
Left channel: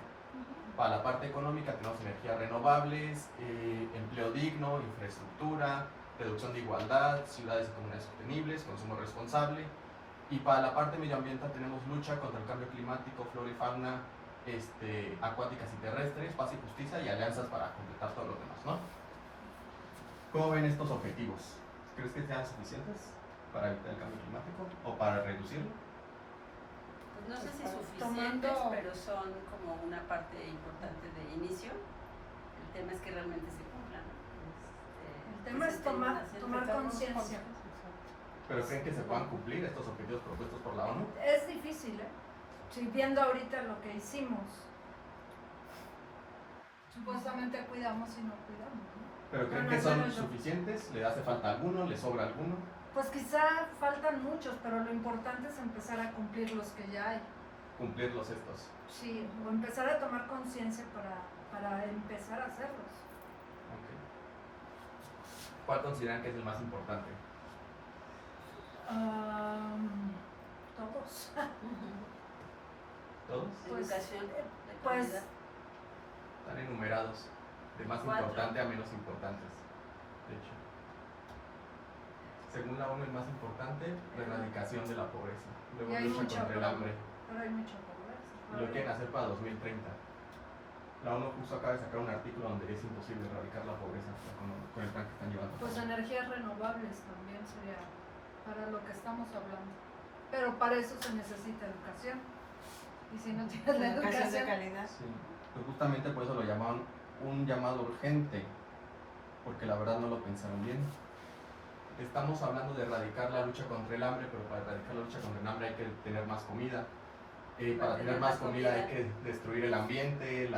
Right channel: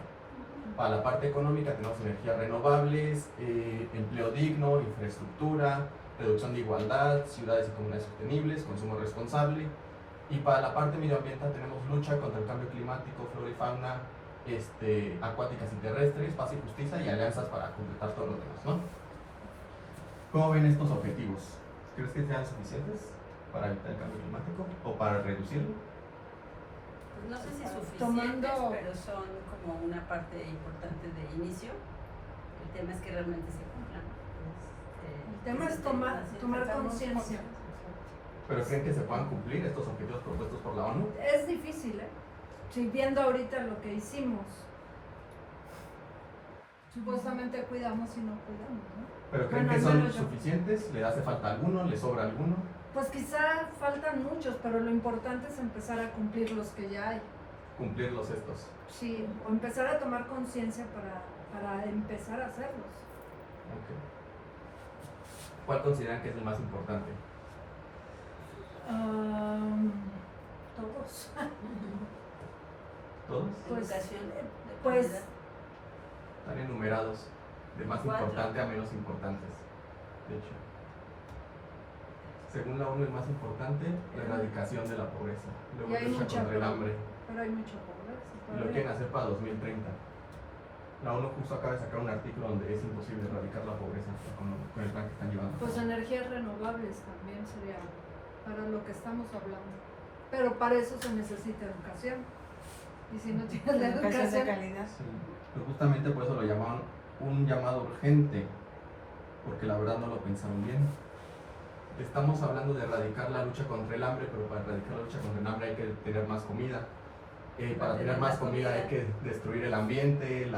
Para la parte económica tenemos energías renovables, empleo digno, infraestructura, reducción de igualdad, ciudades y comunidades sostenibles, consumo responsable. Y para la parte medioambiental tenemos lucha contra el cambio climático, flora y fauna, acuáticas y terrestres, paz y justicia y alianzas para completar todos los demás, ¿no? ¿Cómo ven estos objetivos? ¿Crees que sean suficientes para evitar el cambio climático o para reducirlo? Pues no sé si suficientes, Tomando- pero son como una parte importante de inicio. El tema es que realmente se cumplan. El tema es tomar conciencia. ¿Pero creen que se puedan cumplir estos objetivos propuestos por la ONU? Es difícil, ¿eh? Si viendo ahorita lo que hicimos, supuestamente cuidamos y no cuidamos, ¿no? ¿Pero creen Bueno, que al son menos yo. suficientes? ¿Le hace falta alguno? ¿Le sobra alguno? Pues quizá faltan muchos, pero lo importante es empezar a cumplir los que ya hay. Cumplirlos estos. Sí, o empezar a tomar conciencia para empezar a hacerlos. Ok. ¿Cuál consideran que es el más importante? Todos. ¿Todos? Pues, Educación de pues calidad. Están enumerados, de más 4. importante a menos importantes, de hecho. Según la ONU, el más importante, la erradicación de la pobreza. Luego Y hay lucha mucha contra el hambre. pero hay mucha pobreza. Y lo todavía. quieren hacer para 2030. La ONU justo acaba de sacar un artículo donde es imposible erradicar la pobreza con el plan que están llevando. Pues energías renovables también sería para lo que estamos hablando. Pero para eso se necesita educación. Y si no tienes la Educación de educación, calidad. Sí, pues justamente por eso lo llamaron un llamado urgente, porque la verdad no lo pensaron bien. Estamos hablando de erradicar la lucha contra el hambre, pero para erradicar la lucha contra el hambre hay que tener más comida. Para tener más comida hay que destruir el ambiente,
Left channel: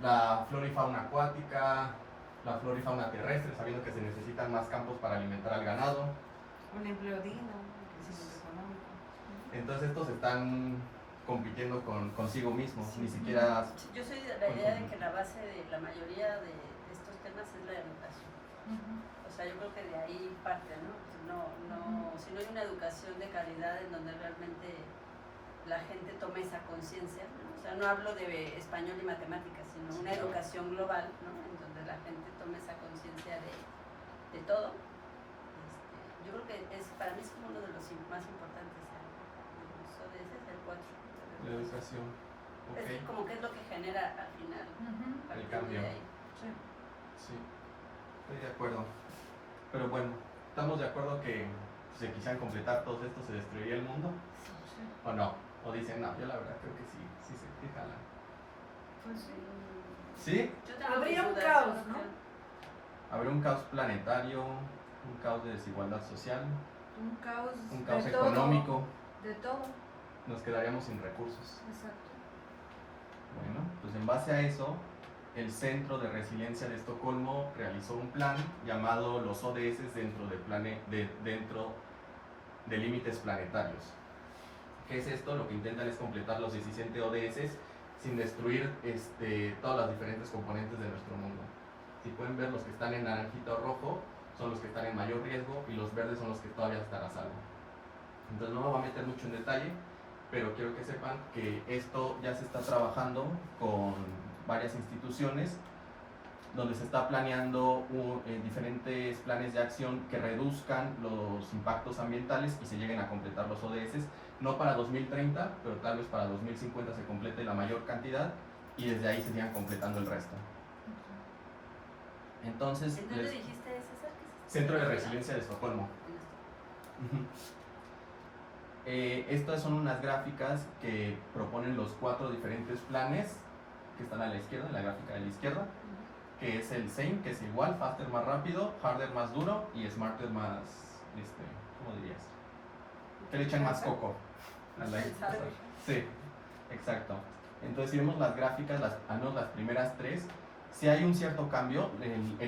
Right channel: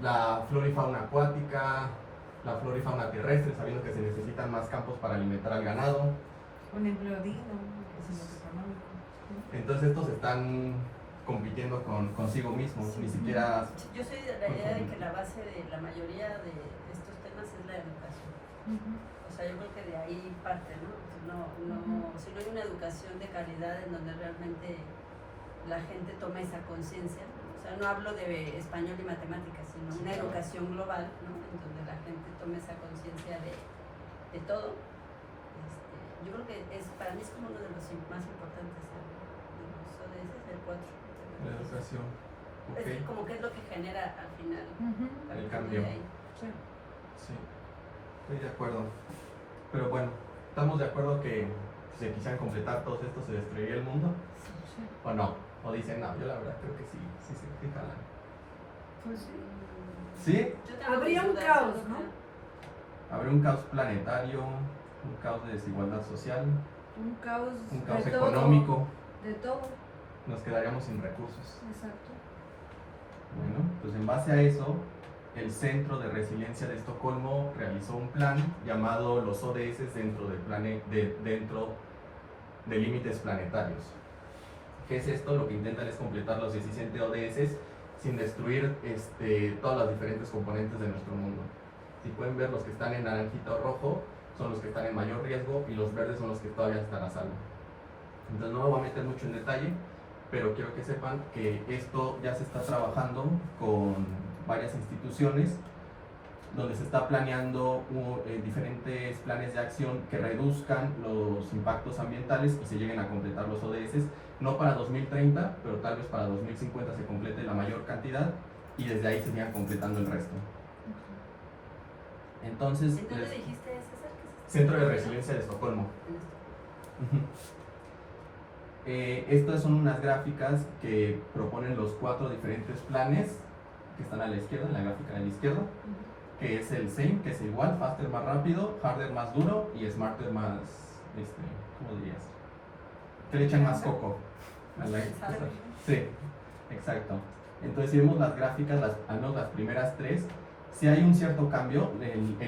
la flora y fauna acuática, la flora y fauna terrestre, sabiendo que se necesitan más campos para alimentar al ganado. Un empleo digno, crecimiento económico. Entonces estos están compitiendo consigo mismos, ni siquiera... Sí, yo soy de la idea de que la base de la mayoría de estos temas es la educación. O sea, yo creo que de ahí parte, ¿no? Si no hay una educación de calidad en donde realmente la gente tome esa conciencia, ¿no? O sea, no hablo de español y matemáticas, sino una educación global, ¿no? En donde la gente tome esa conciencia de todo. Yo creo que para mí es como uno de los más importantes de los ODS, el 4. La educación. Ok, Es como que es lo que genera al final. a el partir cambio. de ahí. Sí. Sí, estoy de acuerdo. Pero bueno, estamos de acuerdo que si se quisieran completar todos estos, ¿se destruiría el mundo? ¿O no? ¿O dicen, no, yo la verdad creo que sí, sí se jalan? Pues sí. ¿Sí? Yo tengo Habría mis un dudas, caos, yo creo ¿no? que- Habrá un caos planetario, un caos de desigualdad social, Un caos, un caos de todo, económico, de todo, nos quedaríamos sin recursos. exacto. Bueno, pues en base a eso, el Centro de Resiliencia de Estocolmo realizó un plan llamado los ODS dentro de límites planetarios. ¿Qué es esto? Lo que intentan es completar los 17 ODS sin destruir todas las diferentes componentes de nuestro mundo. Si pueden ver, los que están en naranjita o rojo son los que están en mayor riesgo y los verdes son los que todavía están a salvo. Entonces no me voy a meter mucho en detalle, pero quiero que sepan que esto ya se está trabajando con varias instituciones donde se está planeando diferentes planes de acción que reduzcan los impactos ambientales y se lleguen a completar los ODS, no para 2030, pero tal vez para 2050 se complete la mayor cantidad y desde ahí se sigan completando el resto. Entonces, ¿En dónde dijiste, César, que es este? Centro de Resiliencia de Estocolmo. En Estocolmo. Estas son unas gráficas que proponen los 4 diferentes planes que están a la izquierda, en la gráfica a la izquierda, que es el SAME, que es igual, faster más rápido, harder más duro y smarter más, ¿cómo dirías? Que le echan más coco. a la- Sí, exacto. Entonces si vemos las gráficas, al menos las primeras 3, si hay un cierto cambio, el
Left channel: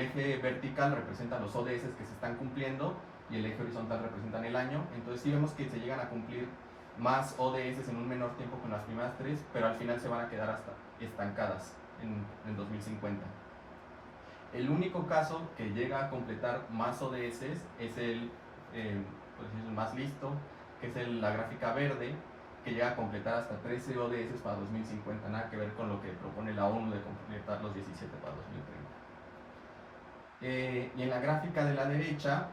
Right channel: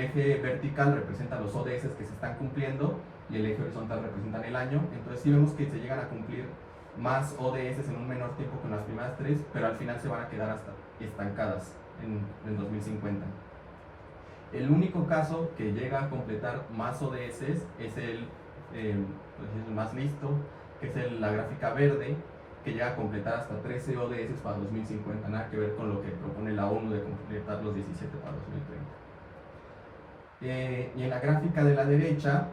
eje vertical representa los ODS que se están cumpliendo y el eje horizontal representa el año. Entonces si vemos que se llegan a cumplir más ODS en un menor tiempo que en las primeras 3, pero al final se van a quedar hasta estancadas en 2050. El único caso que llega a completar más ODS es el más listo, que es la gráfica verde, que llega a completar hasta 13 ODS para 2050, nada que ver con lo que propone la ONU de completar los 17 para 2030. Y en la gráfica de la derecha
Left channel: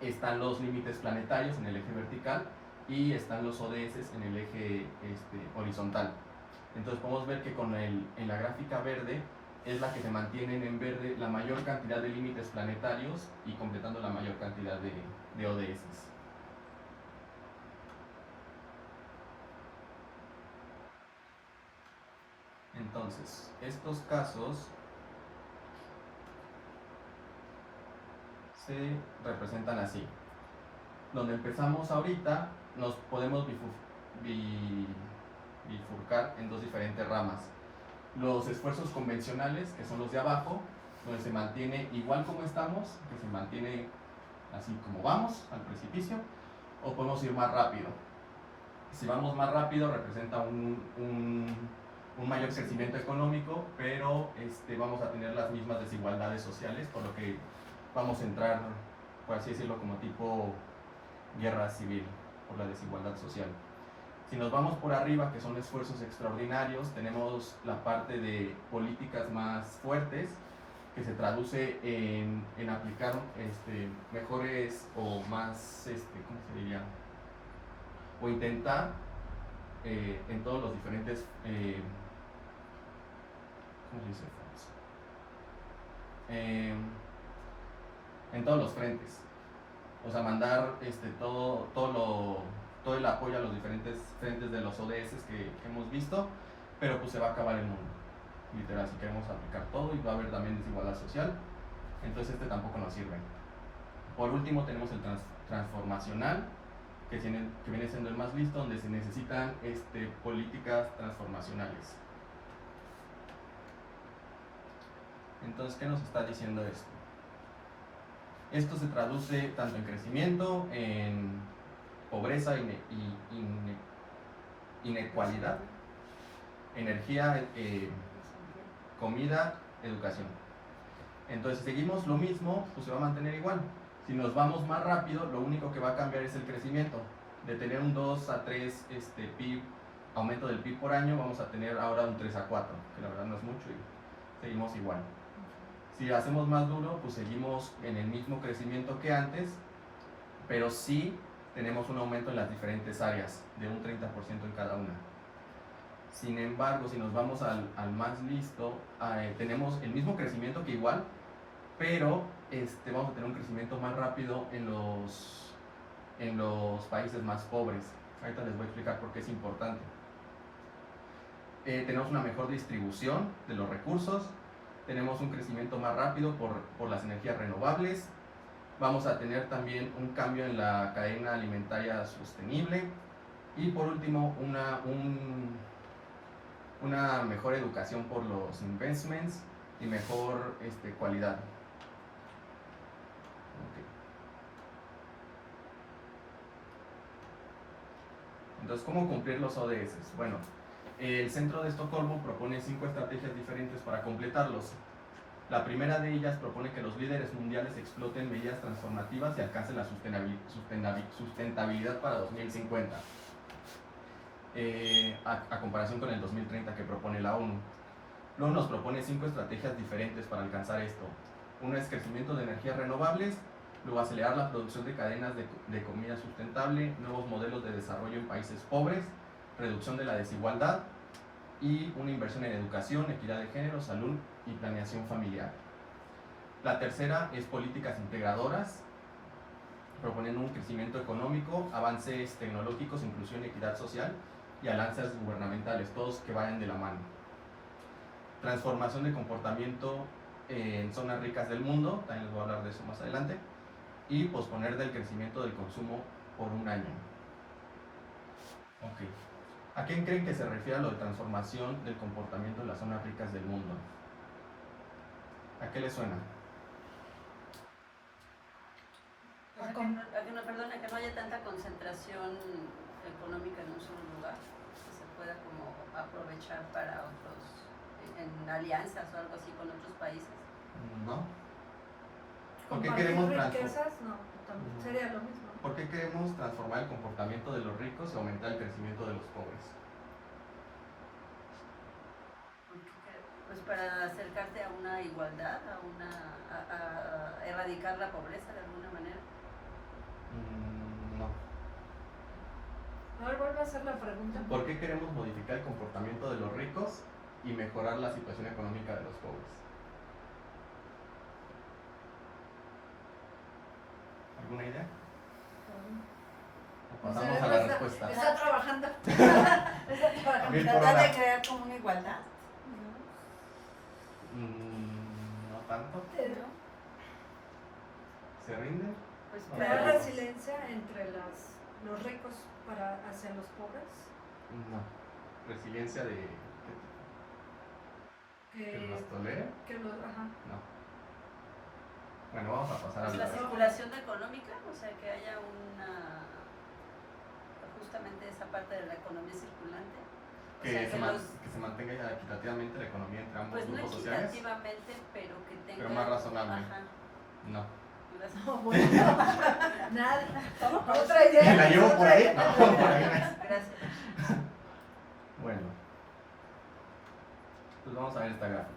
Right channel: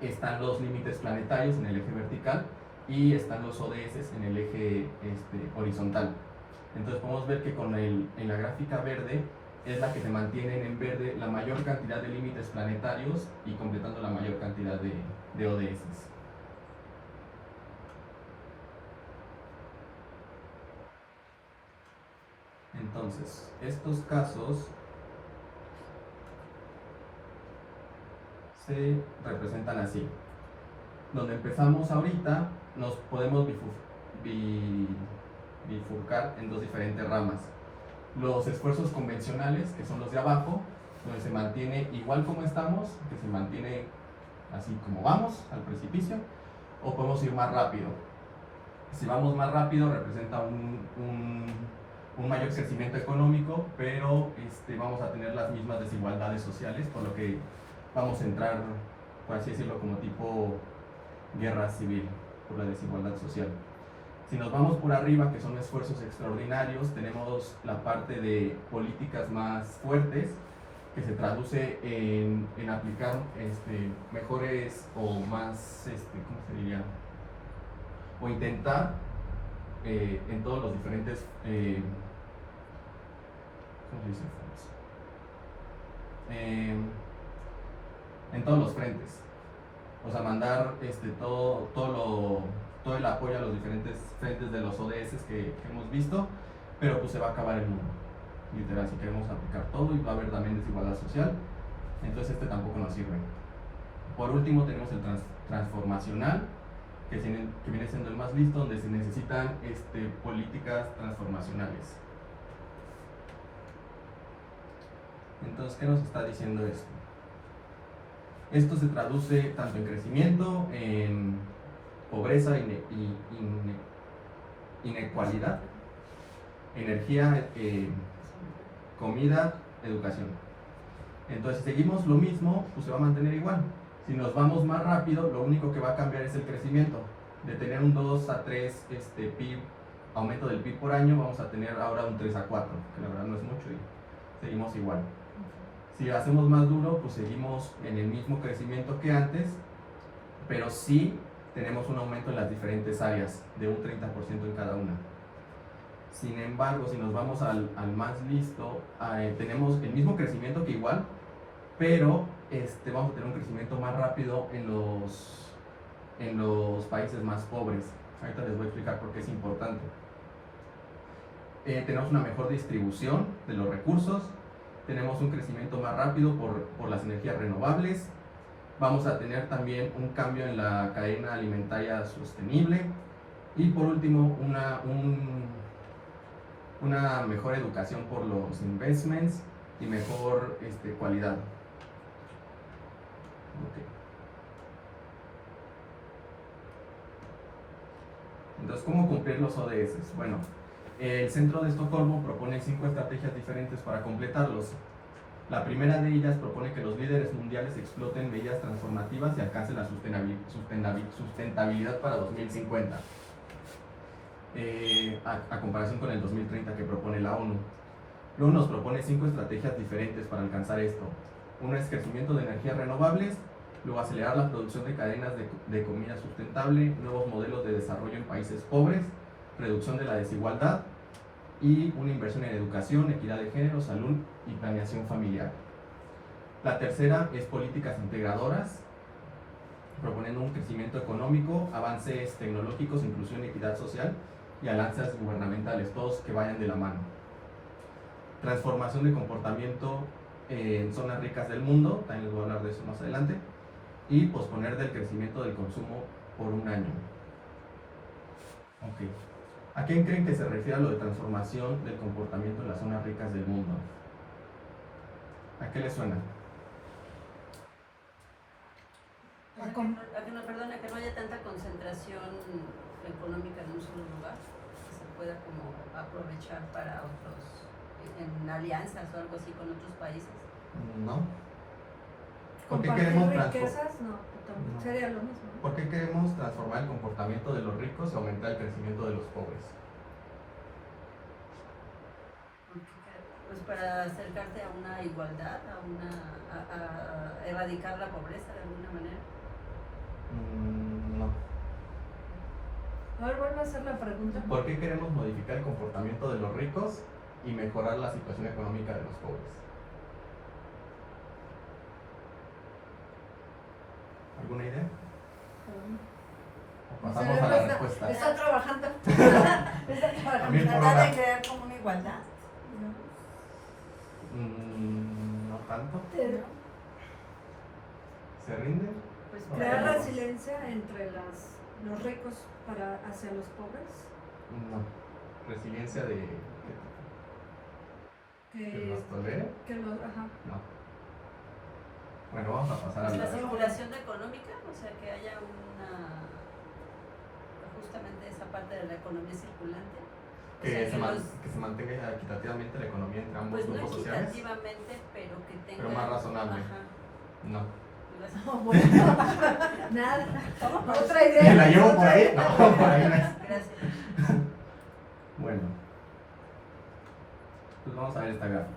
están los límites planetarios en el eje vertical y están los ODS en el eje horizontal. Entonces podemos ver que en la gráfica verde es la que se mantienen en verde la mayor cantidad de límites planetarios y completando la mayor cantidad de ODS. Entonces, estos casos se representan así. Donde empezamos ahorita, nos podemos bifurcar en dos diferentes ramas. Los esfuerzos convencionales, que son los de abajo, donde se mantiene igual como estamos, que se mantiene así como vamos, al precipicio, o podemos ir más rápido. Si vamos más rápido, representa un mayor crecimiento económico, pero vamos a tener las mismas desigualdades sociales, por lo que vamos a entrar, por así decirlo, como tipo guerra civil por la desigualdad social. Si nos vamos por arriba, que son esfuerzos extraordinarios, tenemos la parte de políticas más fuertes, que se traduce en aplicar mejores o más, ¿cómo se diría? O intentar en todos los diferentes, ¿cómo se dice? En todos los frentes. O sea, mandar todo el apoyo a los diferentes frentes de los ODS que hemos visto, pero pues se va a acabar el mundo, literal, si queremos aplicar todo y va a haber también desigualdad social, entonces tampoco nos sirve. Por último tenemos el transformacional, que viene siendo el más listo, donde se necesitan políticas transformacionales. Entonces, ¿qué nos está diciendo esto? Esto se traduce tanto en crecimiento, en pobreza, inequalidad, energía, comida, educación. Entonces, si seguimos lo mismo, pues se va a mantener igual. Si nos vamos más rápido, lo único que va a cambiar es el crecimiento. De tener un 2 a 3 PIB, aumento del PIB por año, vamos a tener ahora un 3 a 4, que la verdad no es mucho y seguimos igual. Si hacemos más duro, pues seguimos en el mismo crecimiento que antes, pero sí tenemos un aumento en las diferentes áreas, de un 30% en cada una. Sin embargo, si nos vamos al más listo, tenemos el mismo crecimiento que igual, pero vamos a tener un crecimiento más rápido en los países más pobres. Ahorita les voy a explicar por qué es importante. Tenemos una mejor distribución de los recursos, tenemos un crecimiento más rápido por las energías renovables, vamos a tener también un cambio en la cadena alimentaria sostenible y por último una mejor educación por los investments y mejor cualidad. Okay. Entonces, ¿cómo cumplir los ODS? Bueno, el Centro de Estocolmo propone 5 estrategias diferentes para completarlos. La primera de ellas propone que los líderes mundiales exploten medidas transformativas y alcancen la sustentabilidad para 2050, a comparación con el 2030 que propone la ONU. Luego nos propone 5 estrategias diferentes para alcanzar esto. Una es crecimiento de energías renovables, luego acelerar la producción de cadenas de comida sustentable, nuevos modelos de desarrollo en países pobres, reducción de la desigualdad y una inversión en educación, equidad de género, salud y planeación familiar. La tercera es políticas integradoras, proponiendo un crecimiento económico, avances tecnológicos, inclusión y equidad social y alianzas gubernamentales, todos que vayan de la mano. Transformación de comportamiento en zonas ricas del mundo, también les voy a hablar de eso más adelante, y posponer del crecimiento del consumo por un año. Okay. ¿A quién creen que se refiere a lo de transformación del comportamiento en las zonas ricas del mundo? ¿A qué les suena? A que no haya tanta concentración económica en un solo lugar, que se pueda como aprovechar para otros, en alianzas o algo así con otros países. No. ¿Por qué Compartir queremos riquezas, no, también No. sería lo mismo. ¿Por qué queremos transformar el comportamiento de los ricos y aumentar el crecimiento de los pobres? Pues para acercarte a una igualdad, a erradicar la pobreza de alguna manera. No. A ver, vuelve a hacer la pregunta. ¿Por qué queremos modificar el comportamiento de los ricos y mejorar la situación económica de los pobres? ¿Alguna idea? O pasamos a la respuesta. Está trabajando. Está trabajando. Bien por Tratar una- de crear como una igualdad. No tanto. Pero ¿Se rinde? Pues crear Bueno. resiliencia entre los ricos hacia los pobres. No. Resiliencia de que Que, nos tolere. que los, ajá. No. Bueno, vamos a pasar a pues la la circulación económica, o sea, que haya justamente esa parte de la economía circulante. O sea, que se mantenga equitativamente la economía entre ambos pues no grupos sociales, equitativamente, pero que tenga... pero más razonable. Ajá. No. Las- No, bueno, nada. Otra idea. ¿Me la llevo por ahí? No, por ahí no es. Gracias. Bueno, pues vamos a ver esta gráfica.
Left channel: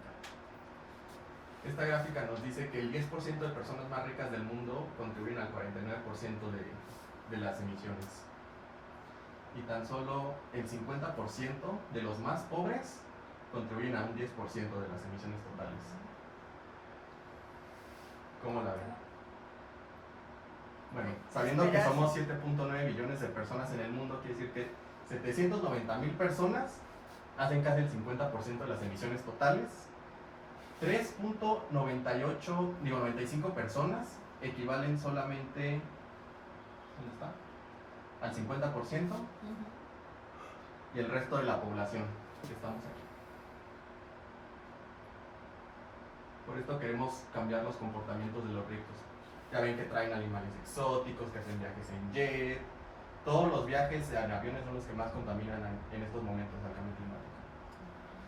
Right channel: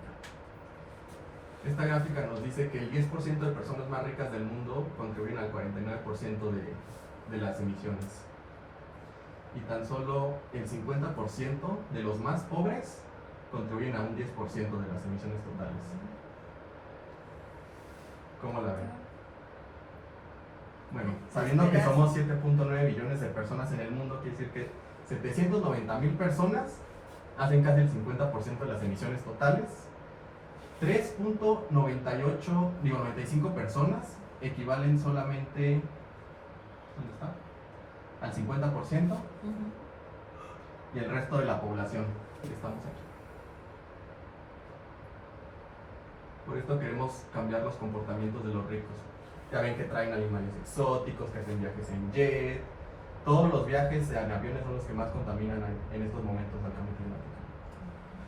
Esta gráfica nos dice que el 10% de personas más ricas del mundo contribuyen al 49% de las emisiones. Y tan solo el 50% de los más pobres contribuyen a un 10% de las emisiones totales. ¿Cómo la ven? Bueno, sabiendo que somos 7.9 billones de personas en el mundo, quiere decir que 790,000 personas hacen casi el 50% de las emisiones totales. 95 personas equivalen solamente, ¿dónde está?, al 50%, y el resto de la población que estamos aquí. Por esto queremos cambiar los comportamientos de los ricos. Ya ven que traen animales exóticos, que hacen viajes en jet. Todos los viajes en aviones son los que más contaminan en estos momentos al cambio climático.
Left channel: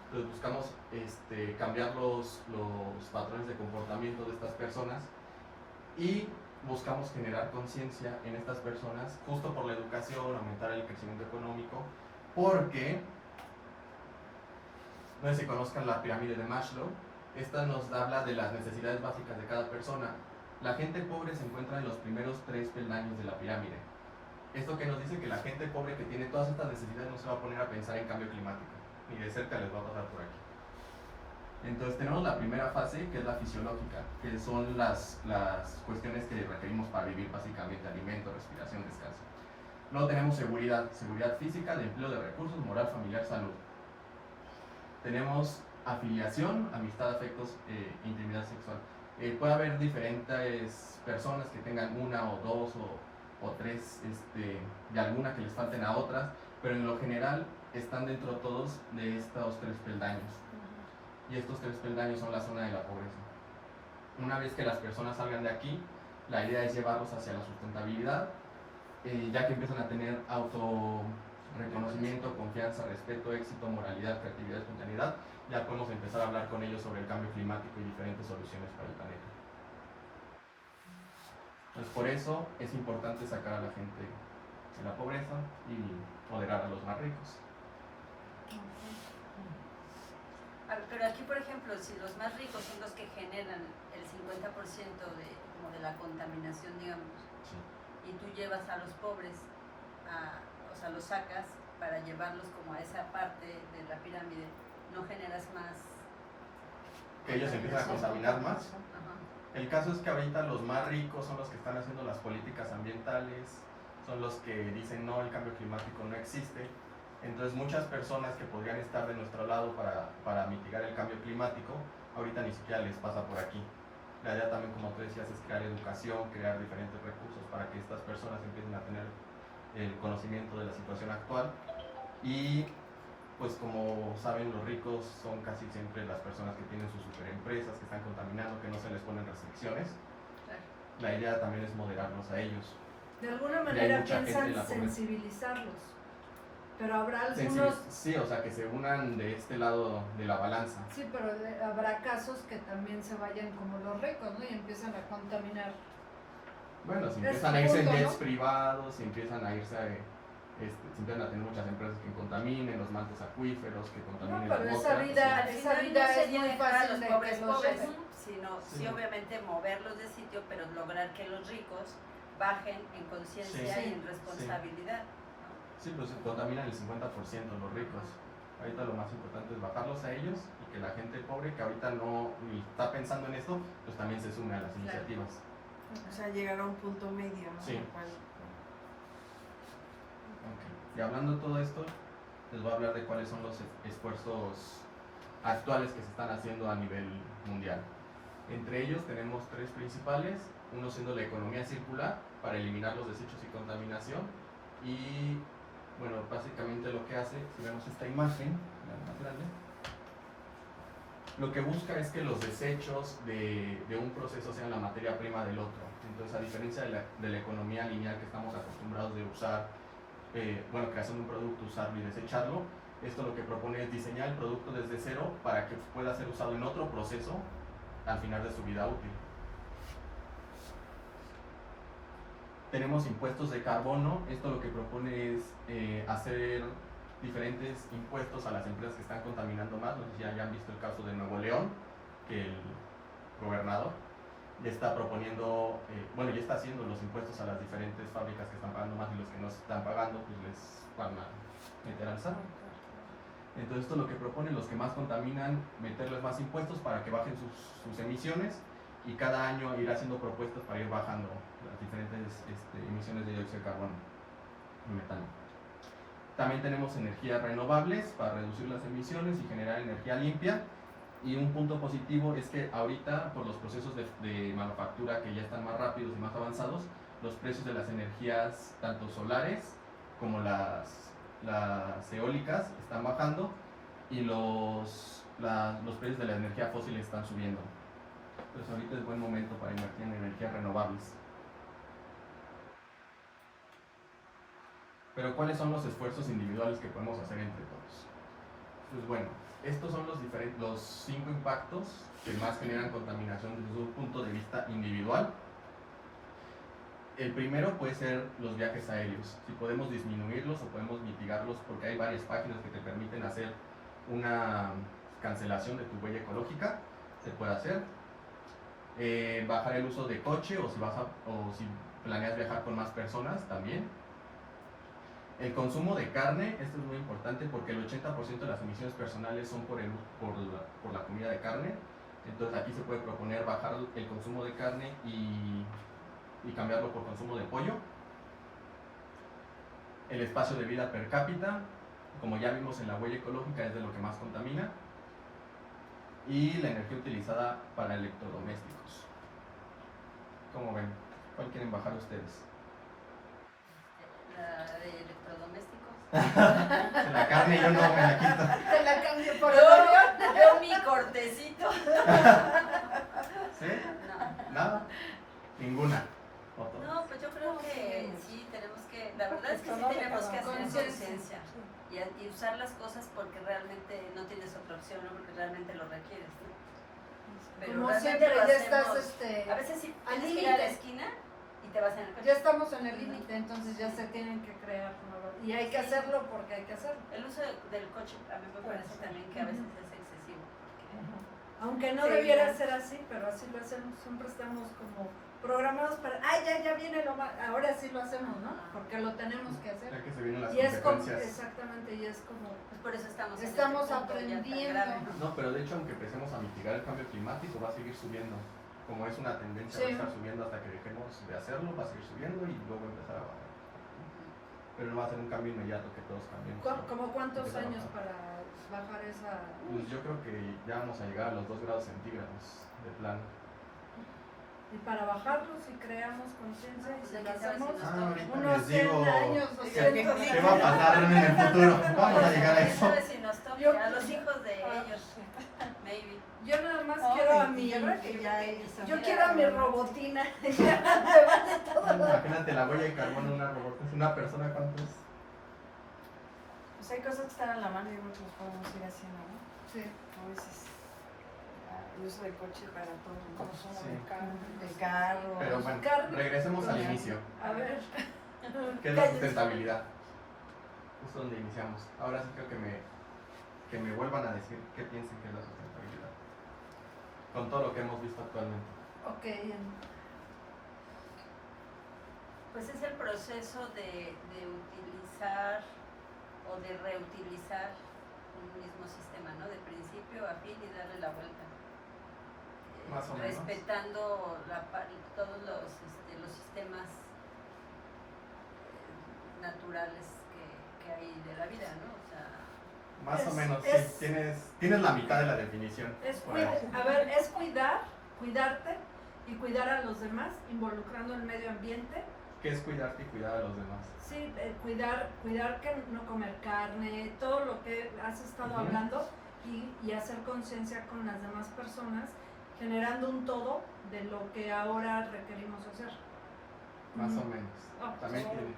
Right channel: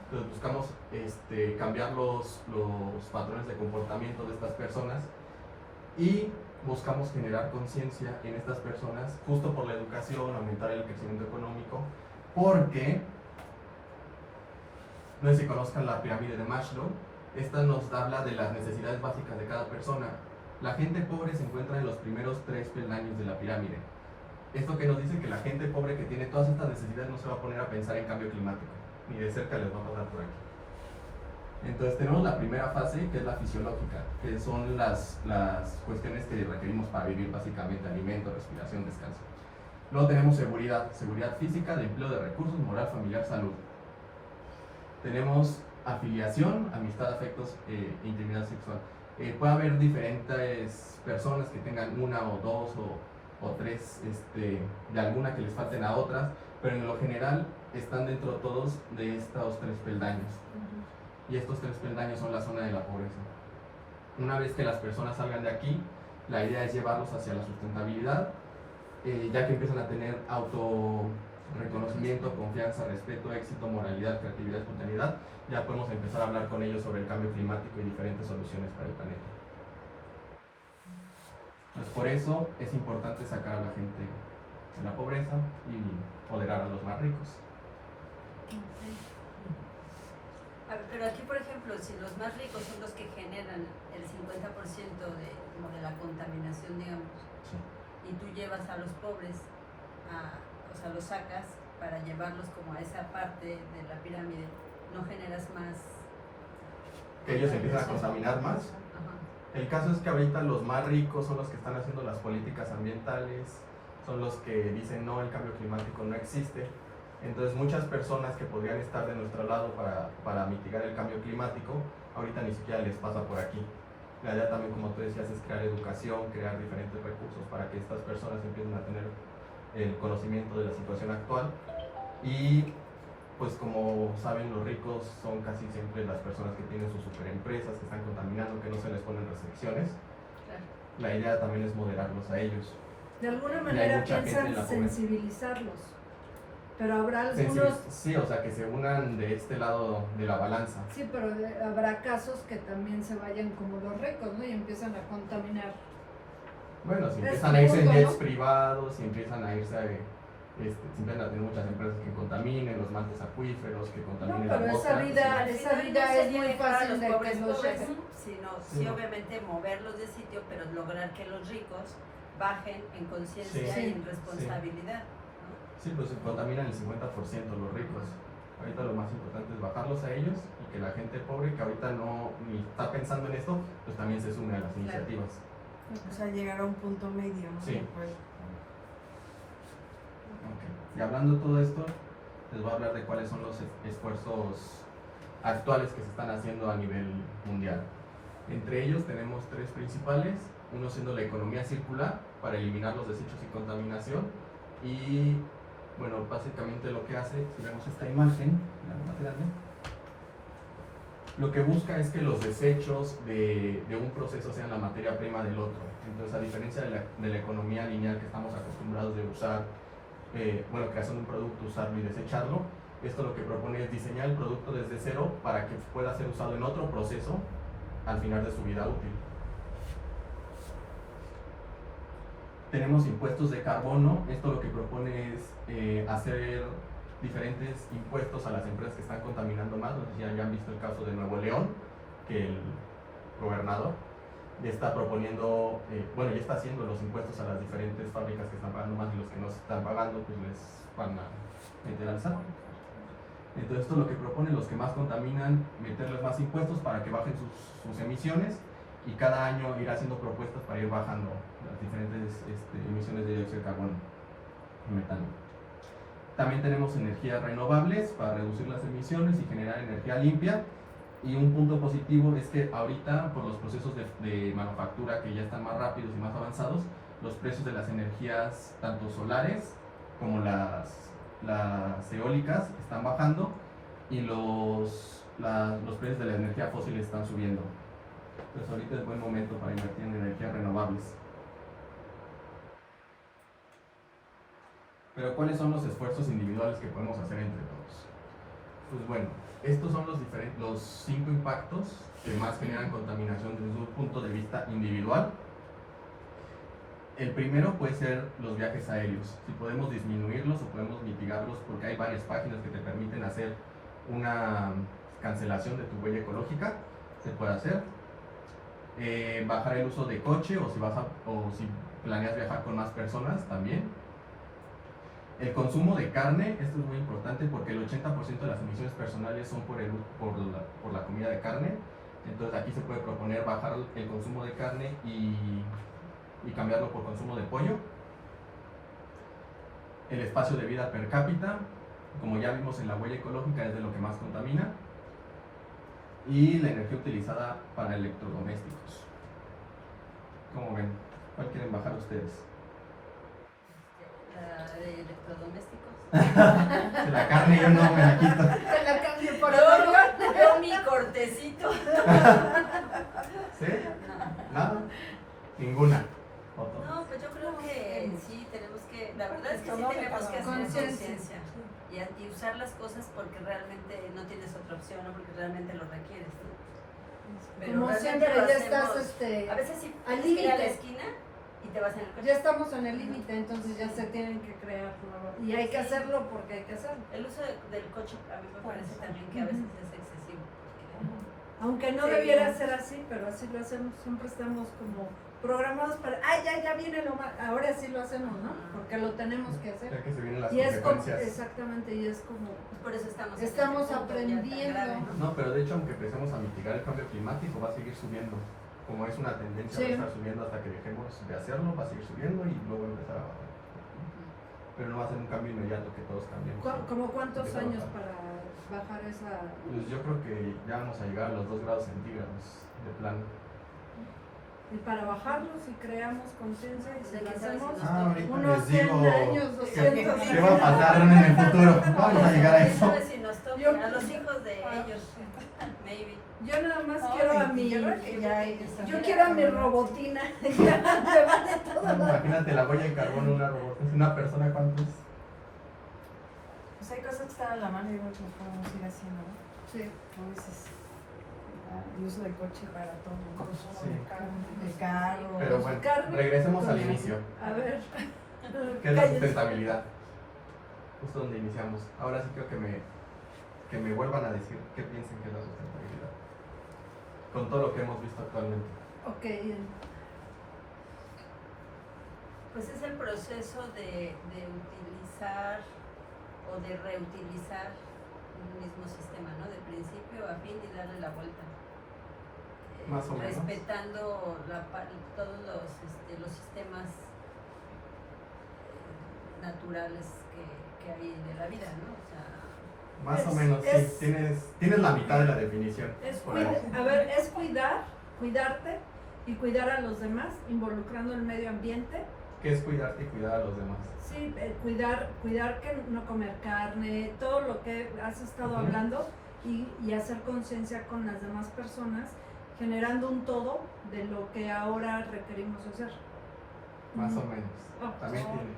Entonces buscamos cambiar los patrones de comportamiento de estas personas y buscamos generar conciencia en estas personas justo por la educación, aumentar el crecimiento económico, porque no sé si conozcan la pirámide de Maslow. Esta nos habla de las necesidades básicas de cada persona. La gente pobre se encuentra en los primeros 3 peldaños de la pirámide. Esto que nos dice que la gente pobre que tiene todas estas necesidades no se va a poner a pensar en cambio climático, ni de cerca les va a pasar por aquí. Entonces tenemos la primera fase, que es la fisiológica, que son las cuestiones que requerimos para vivir, básicamente alimento, respiración, descanso. Luego tenemos seguridad física, de empleo, de recursos, moral, familiar, salud. Tenemos afiliación, amistad, afectos, intimidad sexual. Puede haber diferentes personas que tengan una o dos o tres de alguna que les falten a otras, pero en lo general están dentro todos de estos 3 peldaños. Y estos 3 peldaños son la zona de la pobreza. Una vez que las personas salgan de aquí, la idea es llevarlos hacia la sustentabilidad, ya que empiezan a tener autorreconocimiento, confianza, respeto, éxito, moralidad, creatividad, espontaneidad. Ya podemos empezar a hablar con ellos sobre el cambio climático y diferentes soluciones para el planeta. Pues por eso es importante sacar a la gente de la pobreza y empoderar a los más ricos. Pero aquí, por ejemplo, si los más ricos son los que generan el 50% de la contaminación, digamos, Sí. y tú llevas a los pobres, o sea, los sacas para llevarlos como a esa parte de la pirámide, no generas más... Que ellos empiezan a contaminar más. Ajá. El caso es que ahorita los más ricos son los que están haciendo las políticas ambientales, son los que dicen no, el cambio climático no existe. Entonces muchas personas que podrían estar de nuestro lado para mitigar el cambio climático, ahorita ni siquiera les pasa por aquí. La idea también, como tú decías, es crear educación, crear diferentes recursos para que estas personas empiecen a tener el conocimiento de la situación actual. Y pues como saben, los ricos son casi siempre las personas que tienen sus superempresas, que están contaminando, que no se les ponen restricciones. Claro. La idea también es moderarlos a ellos. De alguna Y hay manera mucha gente en piensan la pobreza. sensibilizarlos, pero habrá algunos, Sí, o sea, que se unan de este lado de la balanza. sí, pero habrá casos que también se vayan como los ricos, ¿no? Y empiezan a contaminar. Bueno, si Es empiezan a irse en punto, jets ¿no? privados, si empiezan a irse si empiezan a tener muchas empresas que contaminen los mantos acuíferos, que No, contaminen pero la esa atmósfera. vida, pues, esa Al final vida no se es muy tiene que dejar a fácil los de pobres que los pobres, lleven. sino Sí. sí obviamente moverlos de sitio, pero lograr que los ricos bajen en conciencia Sí. y en responsabilidad. ¿no? sí, pues si contaminan el 50% los ricos. Ahorita lo más importante es bajarlos a ellos y que la gente pobre que ahorita no ni está pensando en esto, pues también se sume a las iniciativas. O sea, llegar a un punto medio, ¿no? Sí. En el cual- Ok. Y hablando de todo esto, les voy a hablar de cuáles son los esfuerzos actuales que se están haciendo a nivel mundial. Entre ellos tenemos tres principales, uno siendo la economía circular para eliminar los desechos y contaminación, y bueno, básicamente lo que hace, si vemos esta imagen, la más grande, lo que busca es que los desechos de un proceso sean la materia prima del otro. Entonces, a diferencia de la economía lineal que estamos acostumbrados de usar, creación de un producto, usarlo y desecharlo, esto lo que propone es diseñar el producto desde cero para que pueda ser usado en otro proceso al final de su vida útil. Tenemos impuestos de carbono. Esto lo que propone es hacer diferentes impuestos a las empresas que están contaminando más. No sé si hayan visto el caso de Nuevo León, que el gobernador ya está proponiendo, ya está haciendo los impuestos a las diferentes fábricas que están pagando más, y los que no están pagando pues les van a meter al saco. Entonces esto lo que propone, los que más contaminan, meterles más impuestos para que bajen sus emisiones, y cada año ir haciendo propuestas para ir bajando las diferentes emisiones de dióxido de carbono y metano. También tenemos energías renovables para reducir las emisiones y generar energía limpia. Y un punto positivo es que ahorita, por los procesos de manufactura que ya están más rápidos y más avanzados, los precios de las energías, tanto solares como las eólicas, están bajando, y los precios de la energía fósil están subiendo. Entonces ahorita es buen momento para invertir en energías renovables. Pero ¿cuáles son los esfuerzos individuales que podemos hacer entre todos? Pues bueno, estos son los 5 impactos que más generan contaminación desde un punto de vista individual. El primero puede ser los viajes aéreos. Si podemos disminuirlos o podemos mitigarlos, porque hay varias páginas que te permiten hacer una cancelación de tu huella ecológica, se puede hacer. Bajar el uso de coche, o si planeas viajar con más personas también. El consumo de carne, esto es muy importante porque el 80% de las emisiones personales son por la comida de carne. Entonces aquí se puede proponer bajar el consumo de carne y cambiarlo por consumo de pollo. El espacio de vida per cápita, como ya vimos en la huella ecológica, es de lo que más contamina. Y la energía utilizada para electrodomésticos. ¿Cómo ven? ¿Cuál quieren bajar ustedes? La de electrodomésticos. La carne yo no me la quito. Te la cambio por Yo mi cortecito. ¿Sí? No. ¿Nada? Ninguna. ¿Otro? No, pues yo creo que sí tenemos que, la verdad es que sí tenemos que hacer Conciencia. conciencia y usar las cosas porque realmente no tienes otra opción, o porque realmente lo requieres, ¿no? Como realmente siempre lo ya hacemos- estás, a veces sí al tienes que ir a la límite. esquina y te vas en el coche. Ya estamos en el límite, entonces ya se tienen que crear, ¿no? Y hay que hacerlo porque hay que hacerlo. El uso del coche a mí me parece también que a veces es excesivo. Porque Aunque no Sí, debiera ya. ser así, pero así lo hacemos, siempre estamos como programados para, ya viene lo más, ahora sí lo hacemos, ¿no? Porque lo tenemos que Ya hacer. que se vienen las Y es como, consecuencias. exactamente, y es como, pues por eso estamos Estamos en este punto ya tan aprendiendo. grave, ¿no? No, pero de hecho, aunque empecemos a mitigar el cambio climático, va a seguir subiendo. Como es una tendencia, Sí. va a estar subiendo hasta que dejemos de hacerlo, va a seguir subiendo y luego empezar a bajar. Pero no va a ser un cambio inmediato que todos cambiemos. ¿como cuántos Empieza a años bajar. para bajar esa? Pues yo creo que ya vamos a llegar a los 2 grados centígrados de plano. Y para bajarlo, si creamos conciencia y si lo hacemos, Ahorita unos les 100 digo años, 200 qué va a pasar en el futuro. Vamos a llegar a ¿Quién eso. sabe si nos toca? A los hijos de ellos, maybe. Yo nada más No, quiero a y mi, yo creo que ya hay que saber. yo quiero a mi robotina, ya me vale todo Imagínate la huella de carbono en una robot. Es una persona, ¿cuántos? Pues hay cosas que están a la mano y otras podemos ir haciendo, ¿no? Sí. A veces el uso de coche para todo, ¿no? Sí. De carro. Pero bueno, Carne. regresemos al inicio. A ver. ¿Qué es la sustentabilidad? Justo donde iniciamos. Ahora sí creo que me vuelvan a decir qué piensan que es la sustentabilidad. Con todo lo que hemos visto actualmente. Ok, Pues es el proceso de utilizar o de reutilizar un mismo sistema, ¿no? De principio a fin y darle la vuelta. Más o menos. Respetando todos los sistemas naturales que hay de la vida, ¿no? O sea, Más o Es- menos, es- sí. Tienes la mitad de la definición. es por ahí. a ver, es cuidarte y cuidar a los demás, involucrando el medio ambiente. ¿Qué es cuidarte y cuidar a los demás? Sí, cuidar que no comer carne, todo lo que has estado Ujú. hablando y hacer conciencia con las demás personas, generando un todo de lo que ahora requerimos hacer. Más o menos. Ah, También pues, tiene.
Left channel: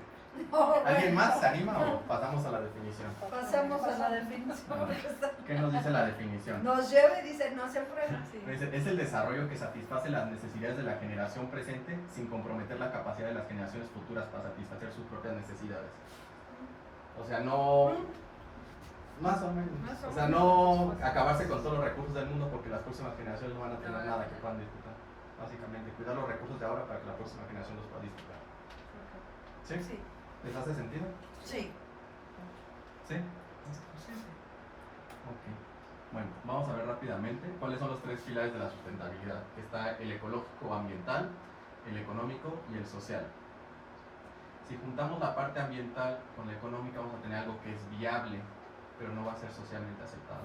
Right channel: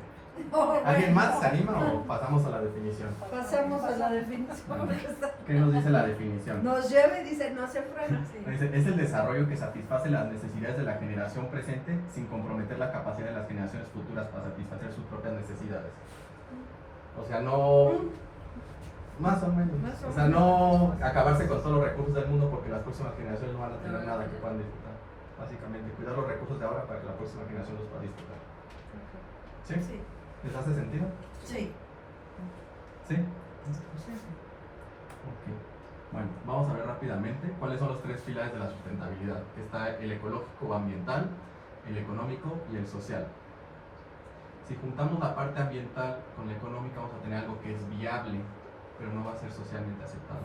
Oh, ¿Alguien más se anima o pasamos a la definición? Pasamos a la definición. ¿Qué nos dice la definición? Nos lleva y dice, no se frena. Dice, es el desarrollo que satisface las necesidades de la generación presente sin comprometer la capacidad de las generaciones futuras para satisfacer sus propias necesidades. O sea, no... Más o menos. Más o O sea, no acabarse con todos los recursos del mundo porque las próximas generaciones no van a tener nada que puedan disfrutar. Básicamente, cuidar los recursos de ahora para que la próxima generación los pueda disfrutar. ¿Sí? Sí. ¿Les hace sentido? Sí. ¿Sí? Ok. Bueno, vamos a ver rápidamente cuáles son los tres pilares de la sustentabilidad. Que está el ecológico o ambiental, el económico y el social. Si juntamos la parte ambiental con la económica vamos a tener algo que es viable, pero no va a ser socialmente aceptado.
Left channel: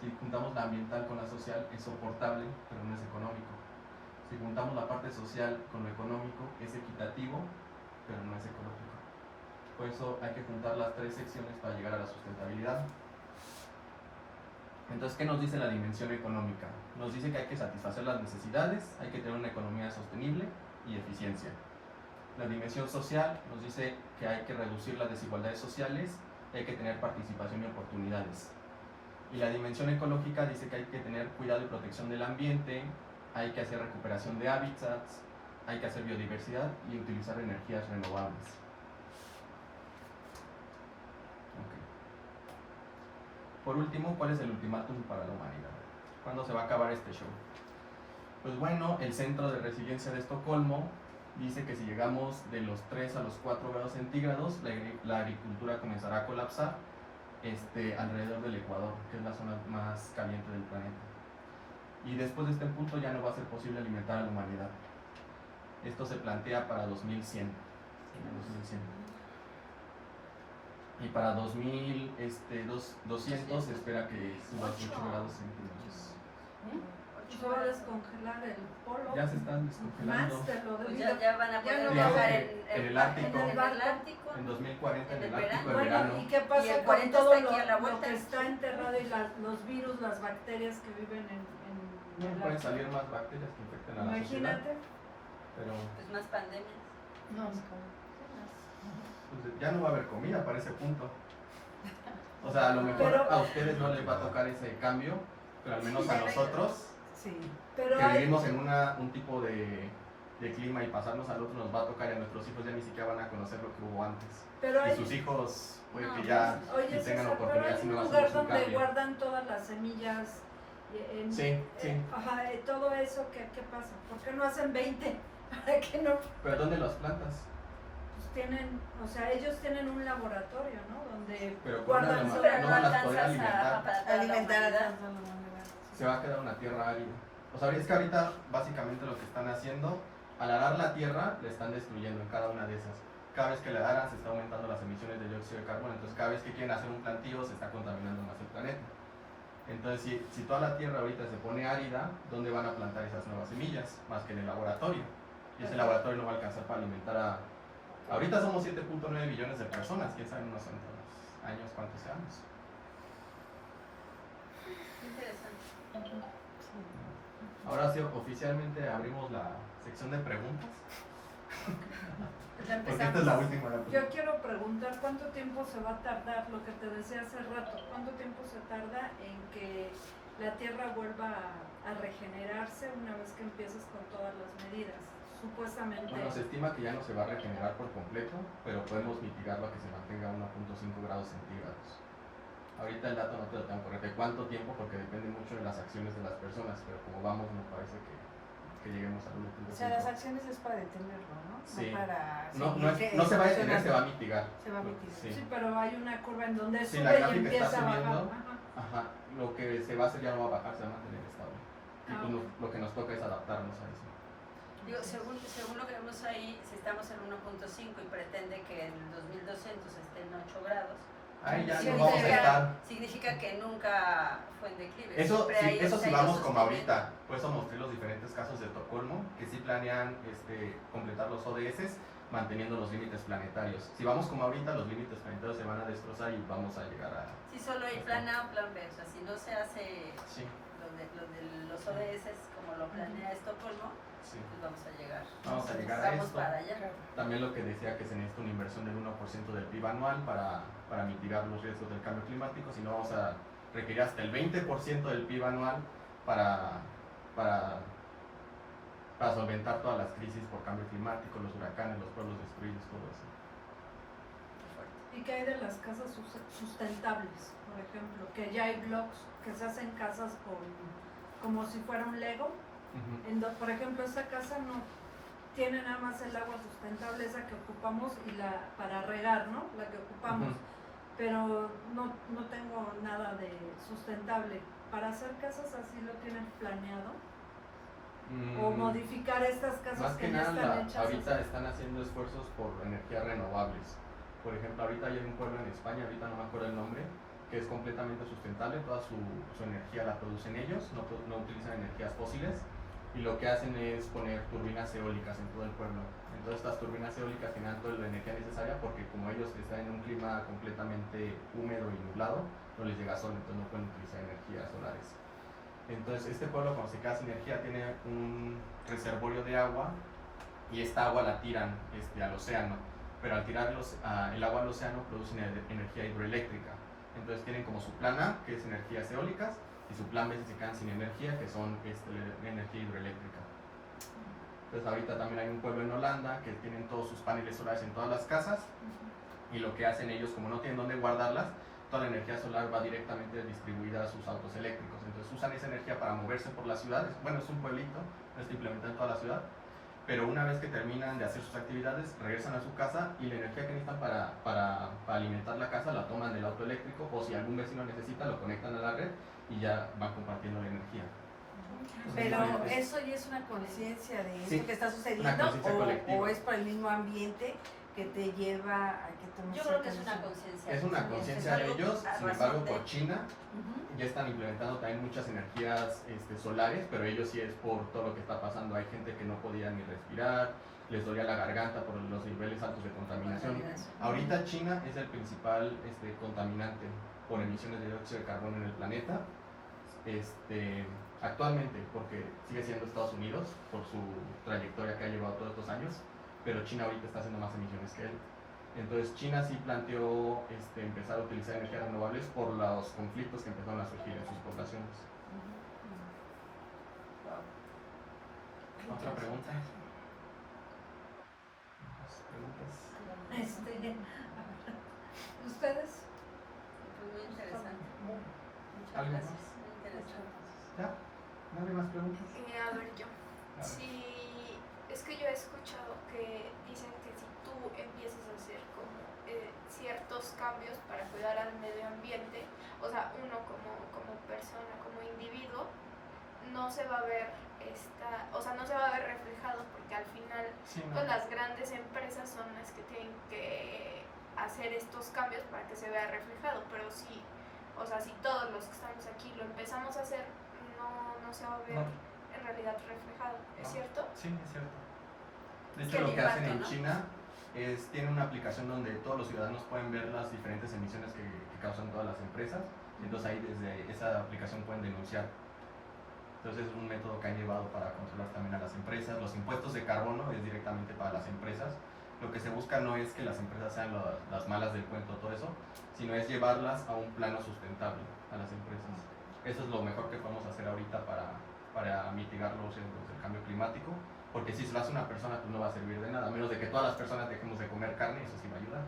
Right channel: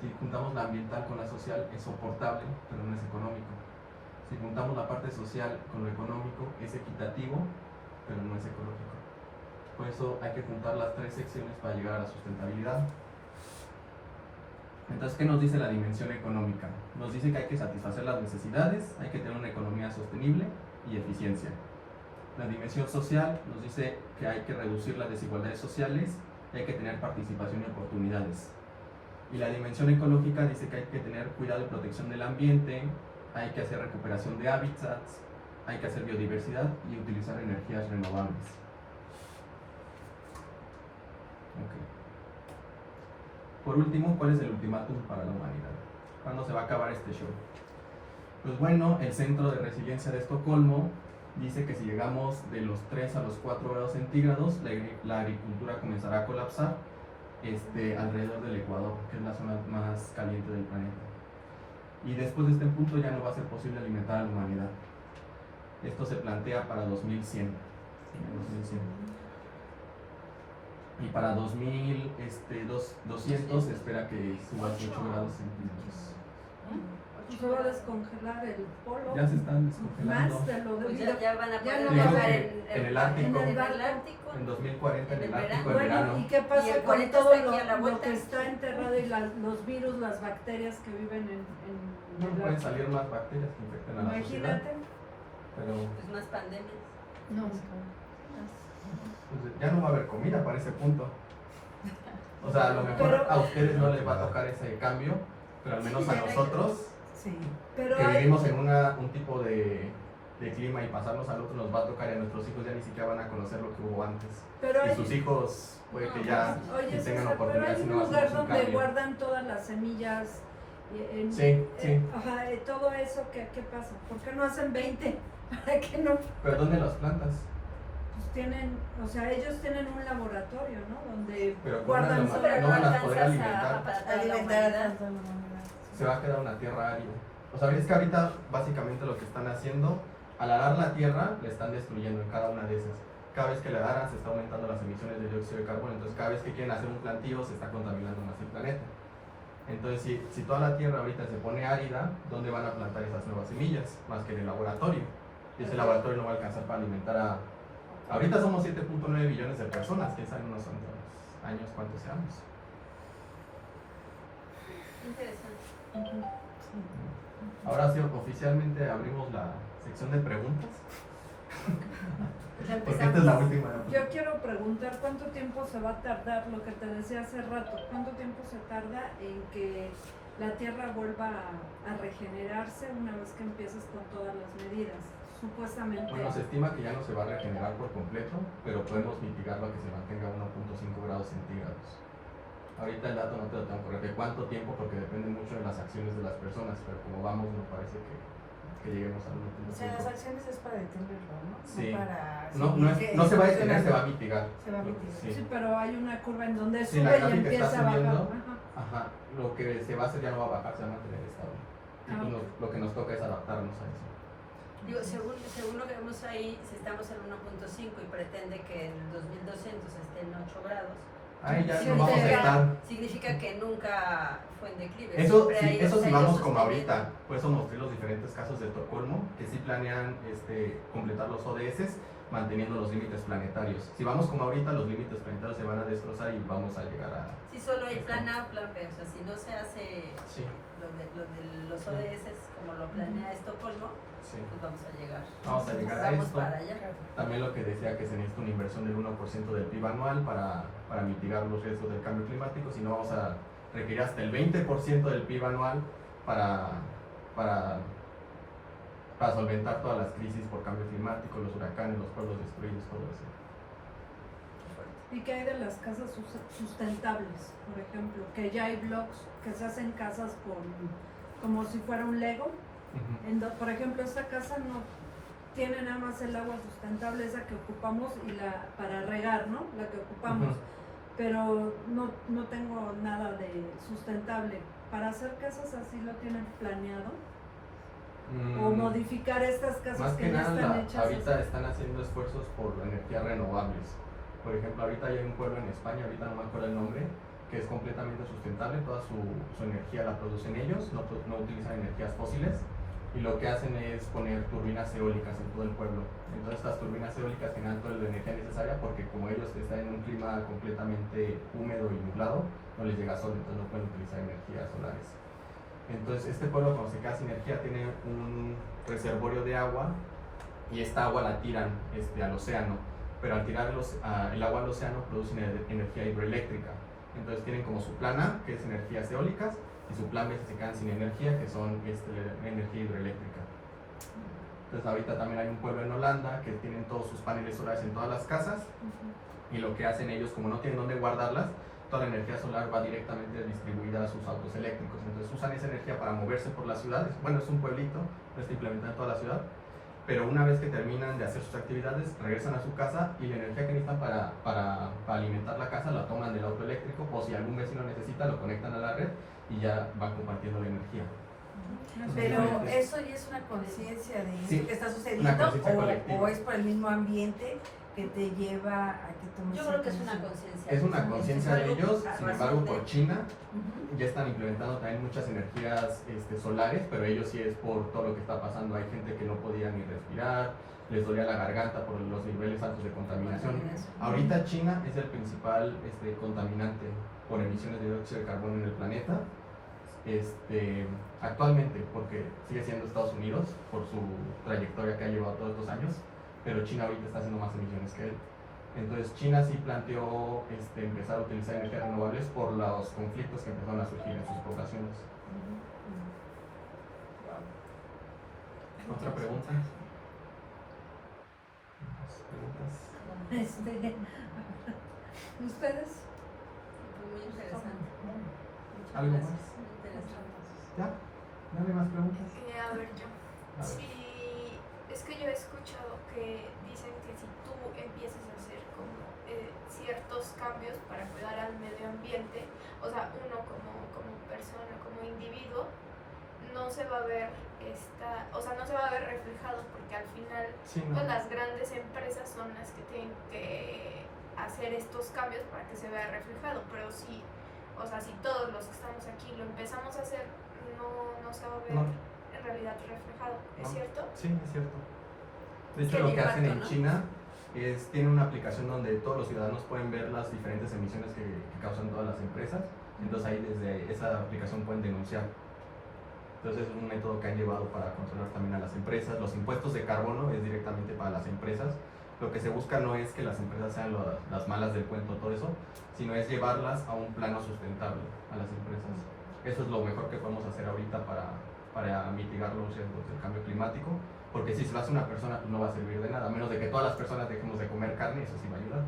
Si juntamos la ambiental con la social es soportable, pero no es económico. Si juntamos la parte social con lo económico es equitativo, pero no es ecológico. Por eso hay que juntar las tres secciones para llegar a la sustentabilidad. Entonces, ¿qué nos dice la dimensión económica? Nos dice que hay que satisfacer las necesidades, hay que tener una economía sostenible y eficiencia. La dimensión social nos dice que hay que reducir las desigualdades sociales y hay que tener participación y oportunidades. Y la dimensión ecológica dice que hay que tener cuidado y protección del ambiente, hay que hacer recuperación de hábitats, hay que hacer biodiversidad y utilizar energías renovables. Okay. Por último, ¿cuál es el ultimátum para la humanidad? ¿Cuándo se va a acabar este show? Pues bueno, el Centro de Resiliencia de Estocolmo dice que si llegamos de los 3 a los 4 grados centígrados, la agricultura comenzará a colapsar alrededor del Ecuador, que es la zona más caliente del planeta. Y después de este punto ya no va a ser posible alimentar a la humanidad. Esto se plantea para 2100. Y para 2200 se espera que suba a 8 grados centígrados. Solo descongelar el polo. Ya se están descongelando. Más de lo pues debido. ya van a Ya poder no Dijo viajar que en el Ártico, en el Atlántico. en 2040 en el Ártico, en Bueno, verano. ¿y qué Y pasa el con 40 todo está aquí a la lo vuelta. que está enterrado y los virus, las bacterias que viven en Bueno, el pueden salir más bacterias que infecten a la sociedad. Imagínate. Pero Pues más pandemias. No. pues, ya no va a haber comida para ese punto. O sea, a lo mejor Pero- a ustedes no les va a tocar ese cambio, pero al menos a nosotros, Sí. Pero que hay, vivimos en un tipo de clima y pasarnos al otro, nos va a tocar y a nuestros hijos ya ni siquiera van a conocer lo que hubo antes. pero Y hay, sus hijos puede que ya oye, ni tengan César, pero oportunidad hay si un no lugar hacemos un donde cambio. guardan todas las semillas. Sí, sí. Ajá, todo eso, ¿qué pasa? ¿Por qué no hacen 20? ¿Para qué no? ¿Pero dónde las plantas? Pues tienen, o sea, ellos tienen un laboratorio, ¿no? Donde Pero guardan ¿cómo todo. Pero no no van a poder alcanzas alimentar. a para Alimentar a la toda la humanidad. Se va a quedar una tierra árida. O sea, es que ahorita básicamente lo que están haciendo, al arar la tierra, le están destruyendo en cada una de esas. Cada vez que le aran se está aumentando las emisiones de dióxido de carbono, entonces cada vez que quieren hacer un plantío se está contaminando más el planeta. Entonces, si toda la tierra ahorita se pone árida, ¿dónde van a plantar esas nuevas semillas? Más que en el laboratorio. Y ese laboratorio no va a alcanzar para alimentar a... Ahorita somos 7.9 billones de personas, quién sabe en unos años cuántos seamos. Interesante. Ahora sí, oficialmente abrimos la sección de preguntas. Ya Porque esta es la empezamos. última. Yo quiero preguntar cuánto tiempo se va a tardar, lo que te decía hace rato, cuánto tiempo se tarda en que la Tierra vuelva a regenerarse una vez que empiezas con todas las medidas. Supuestamente. Bueno, se estima que ya no se va a regenerar por completo, pero podemos mitigarlo a que se mantenga a 1.5 grados centígrados. Ahorita el dato no te lo tengo correcto de cuánto tiempo, porque depende mucho de las acciones de las personas, pero como vamos, no parece que lleguemos al 1.5. O sea, las acciones es para detenerlo, ¿no? Sí. No para No se va a detener, se va a mitigar. Se va a mitigar. Sí. Sí, pero hay una curva en donde Sí, la sube y gráfica empieza está a bajar. subiendo. Ajá. Ajá, lo que se va a hacer ya no va a bajar, se va a mantener estable. Y Ah, pues ok. lo que nos toca es adaptarnos a eso. Digo, según lo que vemos ahí, si estamos en 1.5 y pretende que en 2200 esté en 8 grados, Ahí ya sí, no vamos a estar. significa que nunca fue en declive. Eso Siempre sí, hay eso los- sí hay vamos los como sostenimientos. ahorita. Por eso mostré los diferentes casos de Estocolmo, que sí planean completar los ODS manteniendo los límites planetarios. Si vamos como ahorita, los límites planetarios se van a destrozar y vamos a llegar a... Sí, solo hay plan A o plan B. O sea, si no se hace Sí, lo de los ODS como lo planea Estocolmo, sí. pues vamos a llegar. Vamos a llegar a Vamos esto. para allá. También lo que decía que se necesita una inversión del 1% del PIB anual para mitigar los riesgos del cambio climático, si no vamos a requerir hasta el 20% del PIB anual para solventar todas las crisis por cambio climático, los huracanes, los pueblos destruidos, todo eso. ¿Y qué hay de las casas sustentables, por ejemplo? Que ya hay blogs que se hacen casas como si fuera un Lego. Ujú. Por ejemplo, esta casa no tiene nada más el agua sustentable, esa que ocupamos, y para regar, ¿no? La que ocupamos. Ujú. Pero no tengo nada de sustentable. ¿Para hacer casas así lo tienen planeado? ¿O Mm, modificar estas casas Más que que ya nada, están hechas? ahorita así? están haciendo esfuerzos por energías renovables. Por ejemplo, ahorita hay un pueblo en España, ahorita no me acuerdo el nombre, que es completamente sustentable, toda su energía la producen ellos, no utilizan energías fósiles, y lo que hacen es poner turbinas eólicas en todo el pueblo. Entonces estas turbinas eólicas generan toda la energía necesaria porque como ellos están en un clima completamente húmedo y nublado, no les llega sol, entonces no pueden utilizar energías solares. Entonces este pueblo, cuando se queda sin energía, tiene un reservorio de agua y esta agua la tiran al océano, pero al tirar el agua al océano producen energía hidroeléctrica. Entonces tienen como su plan A, que es energías eólicas, y su plan B si se quedan sin energía, que son la energía hidroeléctrica. Entonces ahorita también hay un pueblo en Holanda que tienen todos sus paneles solares en todas las casas, y lo que hacen ellos, como no tienen dónde guardarlas, toda la energía solar va directamente distribuida a sus autos eléctricos. Entonces usan esa energía para moverse por las ciudades. Bueno, es un pueblito, no está implementado en toda la ciudad, pero una vez que terminan de hacer sus actividades, regresan a su casa y la energía que necesitan para alimentar la casa la toman del auto eléctrico, o si algún vecino necesita, lo conectan a la red y ya van compartiendo la energía. Pero eso ya es una conciencia de Sí, eso que está una sucediendo, conciencia colectiva. o es por el mismo ambiente que te lleva a que tomes Yo creo que es ciertas una decisiones. conciencia. Es una conciencia de ellos, sin embargo por China Ujú. ya están implementando también muchas energías solares, pero ellos sí es por todo lo que está pasando. Hay gente que no podía ni respirar, les dolía la garganta por los niveles altos de contaminación. Ahorita China es el principal contaminante por emisiones de dióxido de carbono en el planeta. Actualmente, porque sigue siendo Estados Unidos por su trayectoria que ha llevado todos estos años, pero China ahorita está haciendo más emisiones que él. Entonces China sí planteó empezar a utilizar energías renovables por los conflictos que empezaron a surgir en sus poblaciones. ¿Otra pregunta? ¿Más preguntas? ¿Ustedes? Muy interesante. ¿Algo más? Muy interesante. ¿Ya? ¿No hay más preguntas? A ver, yo. A ver. Sí, es que yo he escuchado que dicen que si tú empiezas a hacer como ciertos cambios para cuidar al medio ambiente, o sea, uno como persona, como individuo, no se va a ver no se va a ver reflejado, porque al final Sí, pues no. las grandes empresas son las que tienen que hacer estos cambios para que se vea reflejado, pero si todos los que estamos aquí lo empezamos a hacer, no se va a ver No. en realidad reflejado, ¿es No. cierto? Sí, es cierto. De hecho, Sí, lo el que hacen en impacto, ¿no? China es, tienen una aplicación donde todos los ciudadanos pueden ver las diferentes emisiones que causan todas las empresas. Entonces ahí desde esa aplicación pueden denunciar. Entonces es un método que han llevado para controlar también a las empresas. Los impuestos de carbono es directamente para las empresas. Lo que se busca no es que las empresas sean las malas del cuento, todo eso, sino es llevarlas a un plano sustentable a las empresas. Eso es lo mejor que podemos hacer ahorita para mitigar los riesgos del cambio climático, porque si se lo hace una persona pues no va a servir de nada, a menos de que todas las personas dejemos de comer carne, eso sí va a ayudar,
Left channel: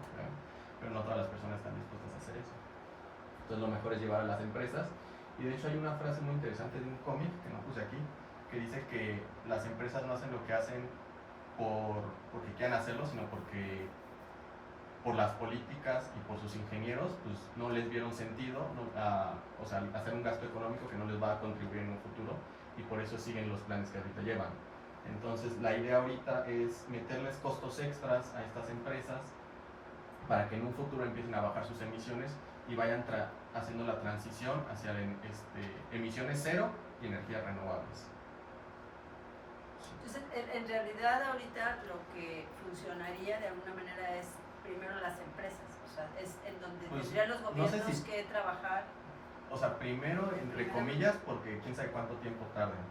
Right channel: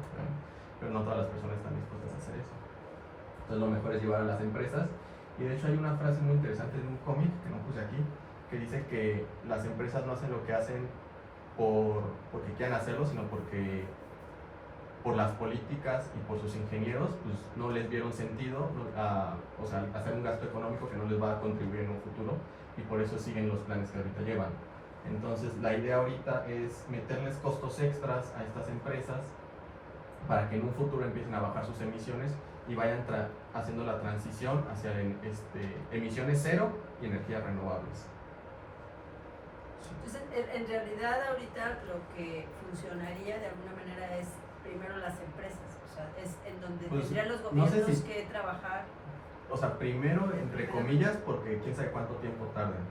pero no todas las personas están dispuestas a hacer eso. Entonces lo mejor es llevar a las empresas, y de hecho hay una frase muy interesante de un cómic que no puse aquí, que dice que las empresas no hacen lo que hacen porque quieran hacerlo, sino porque por las políticas y por sus ingenieros pues no les vieron sentido o sea, hacer un gasto económico que no les va a contribuir en un futuro, y por eso siguen los planes que ahorita llevan. Entonces la idea ahorita es meterles costos extras a estas empresas para que en un futuro empiecen a bajar sus emisiones y vayan haciendo la transición hacia emisiones cero y energías renovables. Entonces, en realidad ahorita lo que funcionaría de alguna manera es primero las empresas, o sea, es en donde Pues, tendrían los no gobiernos sé si- que trabajar. O sea, primero, entre comillas, porque quién sabe cuánto tiempo tarden.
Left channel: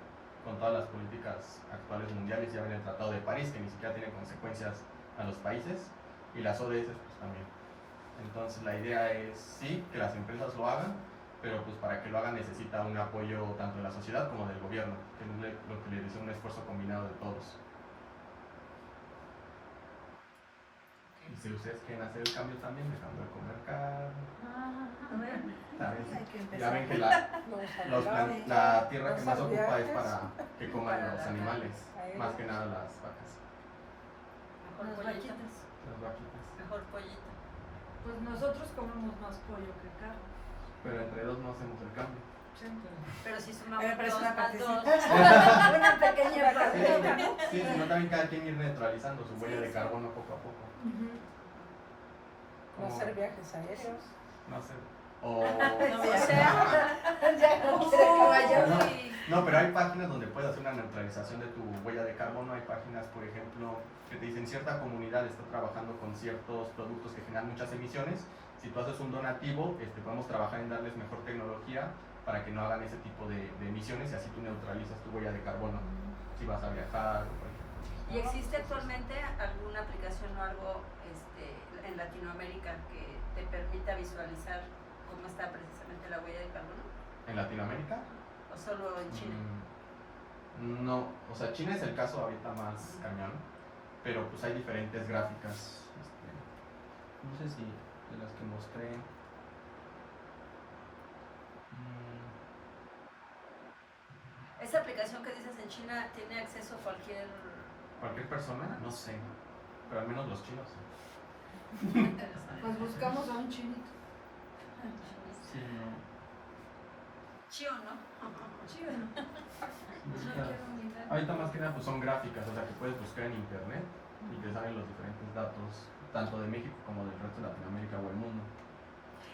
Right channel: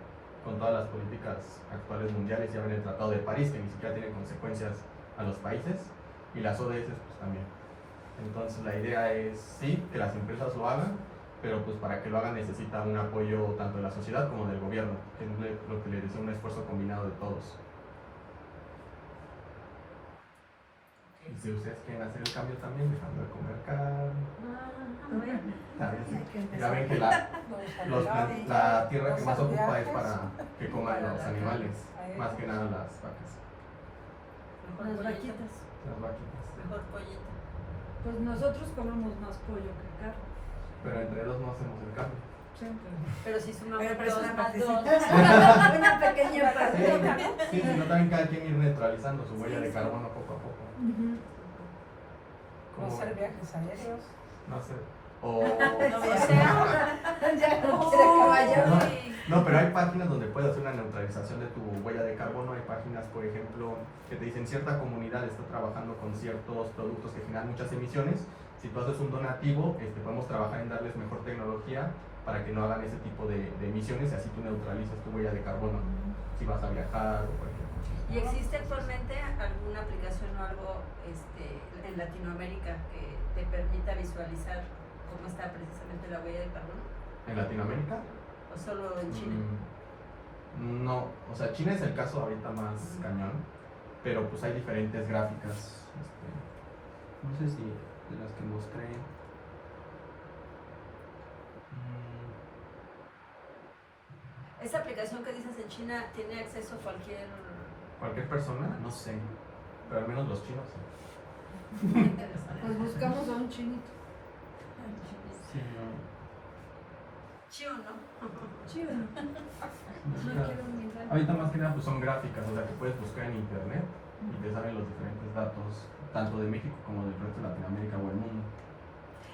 Con todas las políticas actuales mundiales, ya ven el Tratado de París, que ni siquiera tiene consecuencias a los países, y las ODS pues también. Entonces la idea es, sí, que las empresas lo hagan, pero pues para que lo hagan necesita un apoyo tanto de la sociedad como del gobierno, que es lo que le dice un esfuerzo combinado de todos. Y si ustedes quieren hacer el cambio también, dejando de comer carne, ya ven que la tierra que más ocupa es para que coman los animales, más que nada las vacas, Mejor Las pollito, vaquitas. las vaquitas. mejor pollito. Pues nosotros comemos más pollo que carne. Pero entre dos no hacemos el cambio. Pero si sumamos Pero es dos una más dos, partecita. Una pequeña parte. Sí, sino también cada quien ir neutralizando su huella de carbono poco a poco. Ujú. No ¿Cómo hacer ven? viajes aéreos. No sé. O... Ya no quiere que vaya. No, pero hay páginas donde puedes hacer una neutralización de tu huella de carbono. Hay páginas, por ejemplo, que te dicen cierta comunidad está trabajando con ciertos productos que generan muchas emisiones. Si tú haces un donativo, podemos trabajar en darles mejor tecnología para que no hagan ese tipo de emisiones, y así tú neutralizas tu huella de carbono si vas a viajar o cualquier cosa. ¿y existe actualmente alguna aplicación o algo en Latinoamérica que te permita visualizar cómo está precisamente la huella de carbono? ¿En Latinoamérica? ¿O solo en Chile? No, o sea, China es el caso ahorita más cañón, pero pues hay diferentes gráficas. No sé si de las que mostré. ¿Esa aplicación que dices en China tiene acceso ¿Cualquier persona? No sé, pero al menos los chinos sí. Pues buscamos a un chinito. Sí, no. chido, no? Chido. Ahorita más que nada pues son gráficas, o sea que puedes buscar en internet y te salen los diferentes datos, tanto de México como del resto de Latinoamérica o el mundo.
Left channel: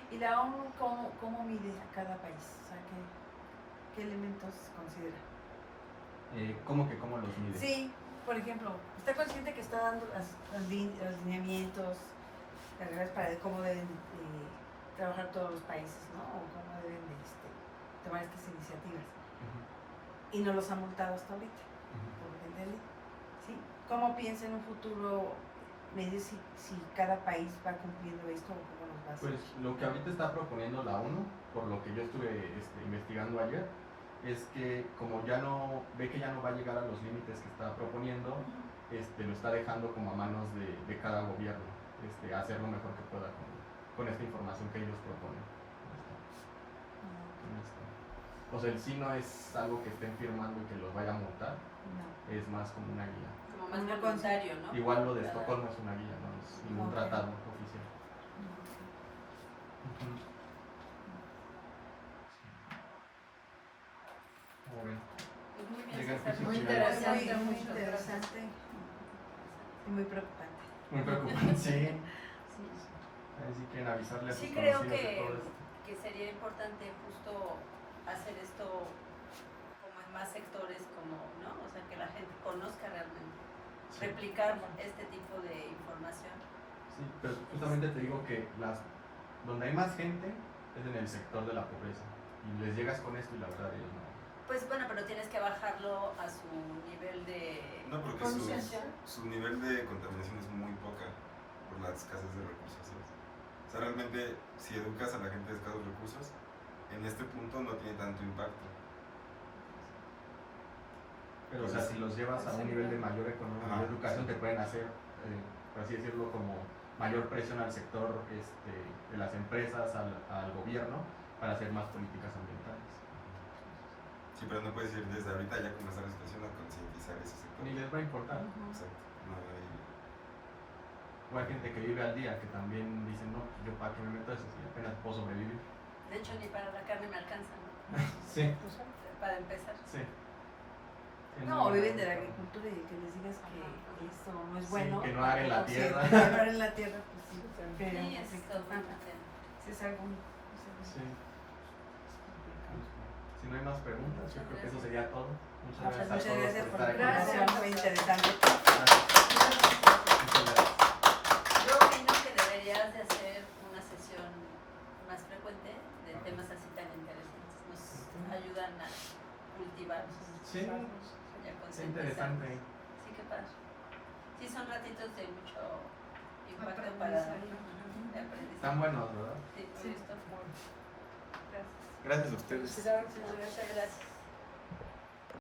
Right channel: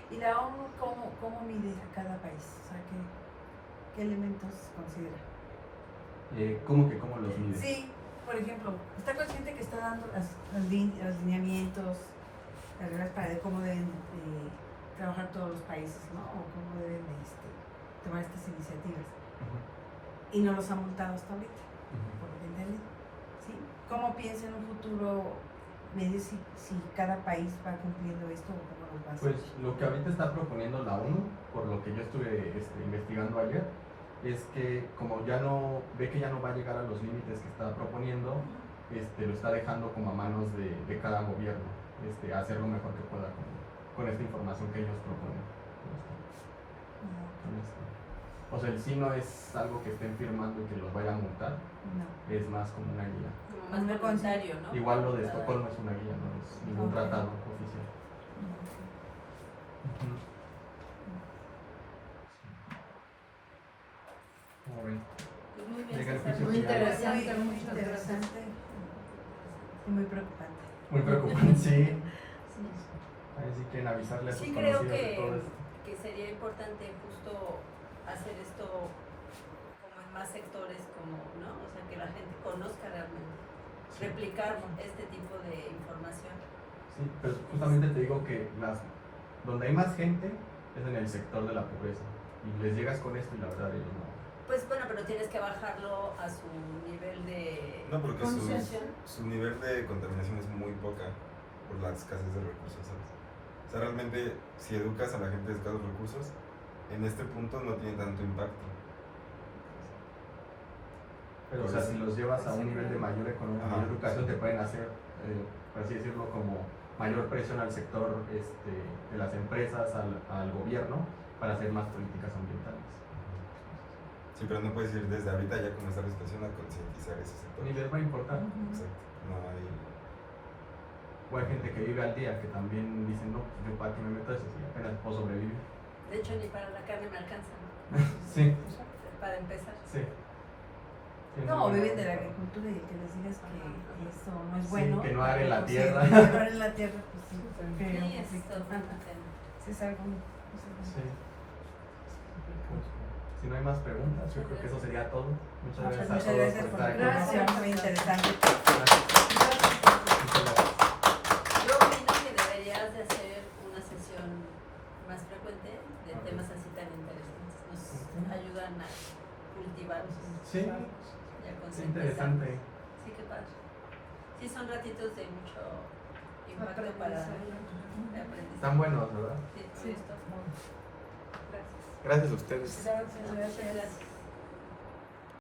¿Y la ONU cómo mide a cada país? O sea, ¿qué elementos considera? ¿Cómo los mides? Sí, por ejemplo, ¿está consciente que está dando los lineamientos, las reglas para de cómo deben trabajar todos los países, ¿no? O cómo deben tomar estas iniciativas? Ujú, Y no los ha multado hasta ahorita, ujú. por lo que entendí. ¿Sí? ¿Cómo piensa en un futuro medir si cada país va cumpliendo esto o cómo los va a hacer? Pues lo que ahorita está proponiendo la ONU, por lo que yo estuve investigando ayer, es que como ve que ya no va a llegar a los límites que está proponiendo, lo está dejando como a manos de cada gobierno, hacer lo mejor que pueda con esta información que ellos proponen. O sea, el sí no es algo que estén firmando y que los vaya a multar, No. es más como una guía. Como más voluntario, ¿no? Igual lo de Estocolmo es una guía, no es ningún Ok. tratado oficial. Ujú. Como ven. Pues muy bien, Digan, César. juicio Muy final. interesante, Muy interesante y muy preocupante. Muy preocupante, sí. Ahí sí quieren avisarle a sus Sí creo conocidos de todo esto. que sería importante justo hacer esto como en más sectores, ¿no? O sea, que la gente conozca realmente, Sí. replicar este tipo de información. Sí, pero justamente te digo que donde hay más gente es en el sector de la pobreza. Y les llegas con esto y la verdad ellos Pues bueno, pero tienes que bajarlo a su nivel de No, porque concienciación. su nivel de contaminación es muy poca por la escasez de recursos, ¿sabes? O sea, realmente, si educas a la gente de escasos recursos, en este punto no tiene tanto impacto. Pero, o sea, si los llevas a un nivel de mayor economía, Ajá. mayor educación, te pueden hacer, por así decirlo, como mayor presión al sector de las empresas, al gobierno, para hacer más políticas ambientales. Sí, pero no puedes ir desde ahorita ya con esta situación a concientizar ese sector. Ni les va a importar. Exacto. No hay... O hay gente que vive al día que también dicen, no, pues yo para qué me meto eso si apenas puedo sobrevivir. De hecho, ni para la carne me alcanza. Sí, Para empezar. sí. Sí, No, bueno, viven de la agricultura y que les digas que eso no es sí, bueno. que no areen la Sí, tierra. que no areen la tierra, pues sí. Pero, Sí, es totalmente. sí, es algo. Sí. Si no hay más preguntas, yo creo que eso sería todo. Muchas gracias a Muchas todos gracias por la estar aquí. invitación, muy interesante. Muchas gracias. Yo opino que deberías de hacer una sesión más frecuente de temas así tan interesantes. Nos ayudan a cultivar Sí, y a es concientizar. interesante. Sí, qué padre. Sí, son ratitos de mucho impacto para de aprendizaje. Están buenos, ¿verdad? Sí, sí, esto. Gracias a ustedes. Gracias.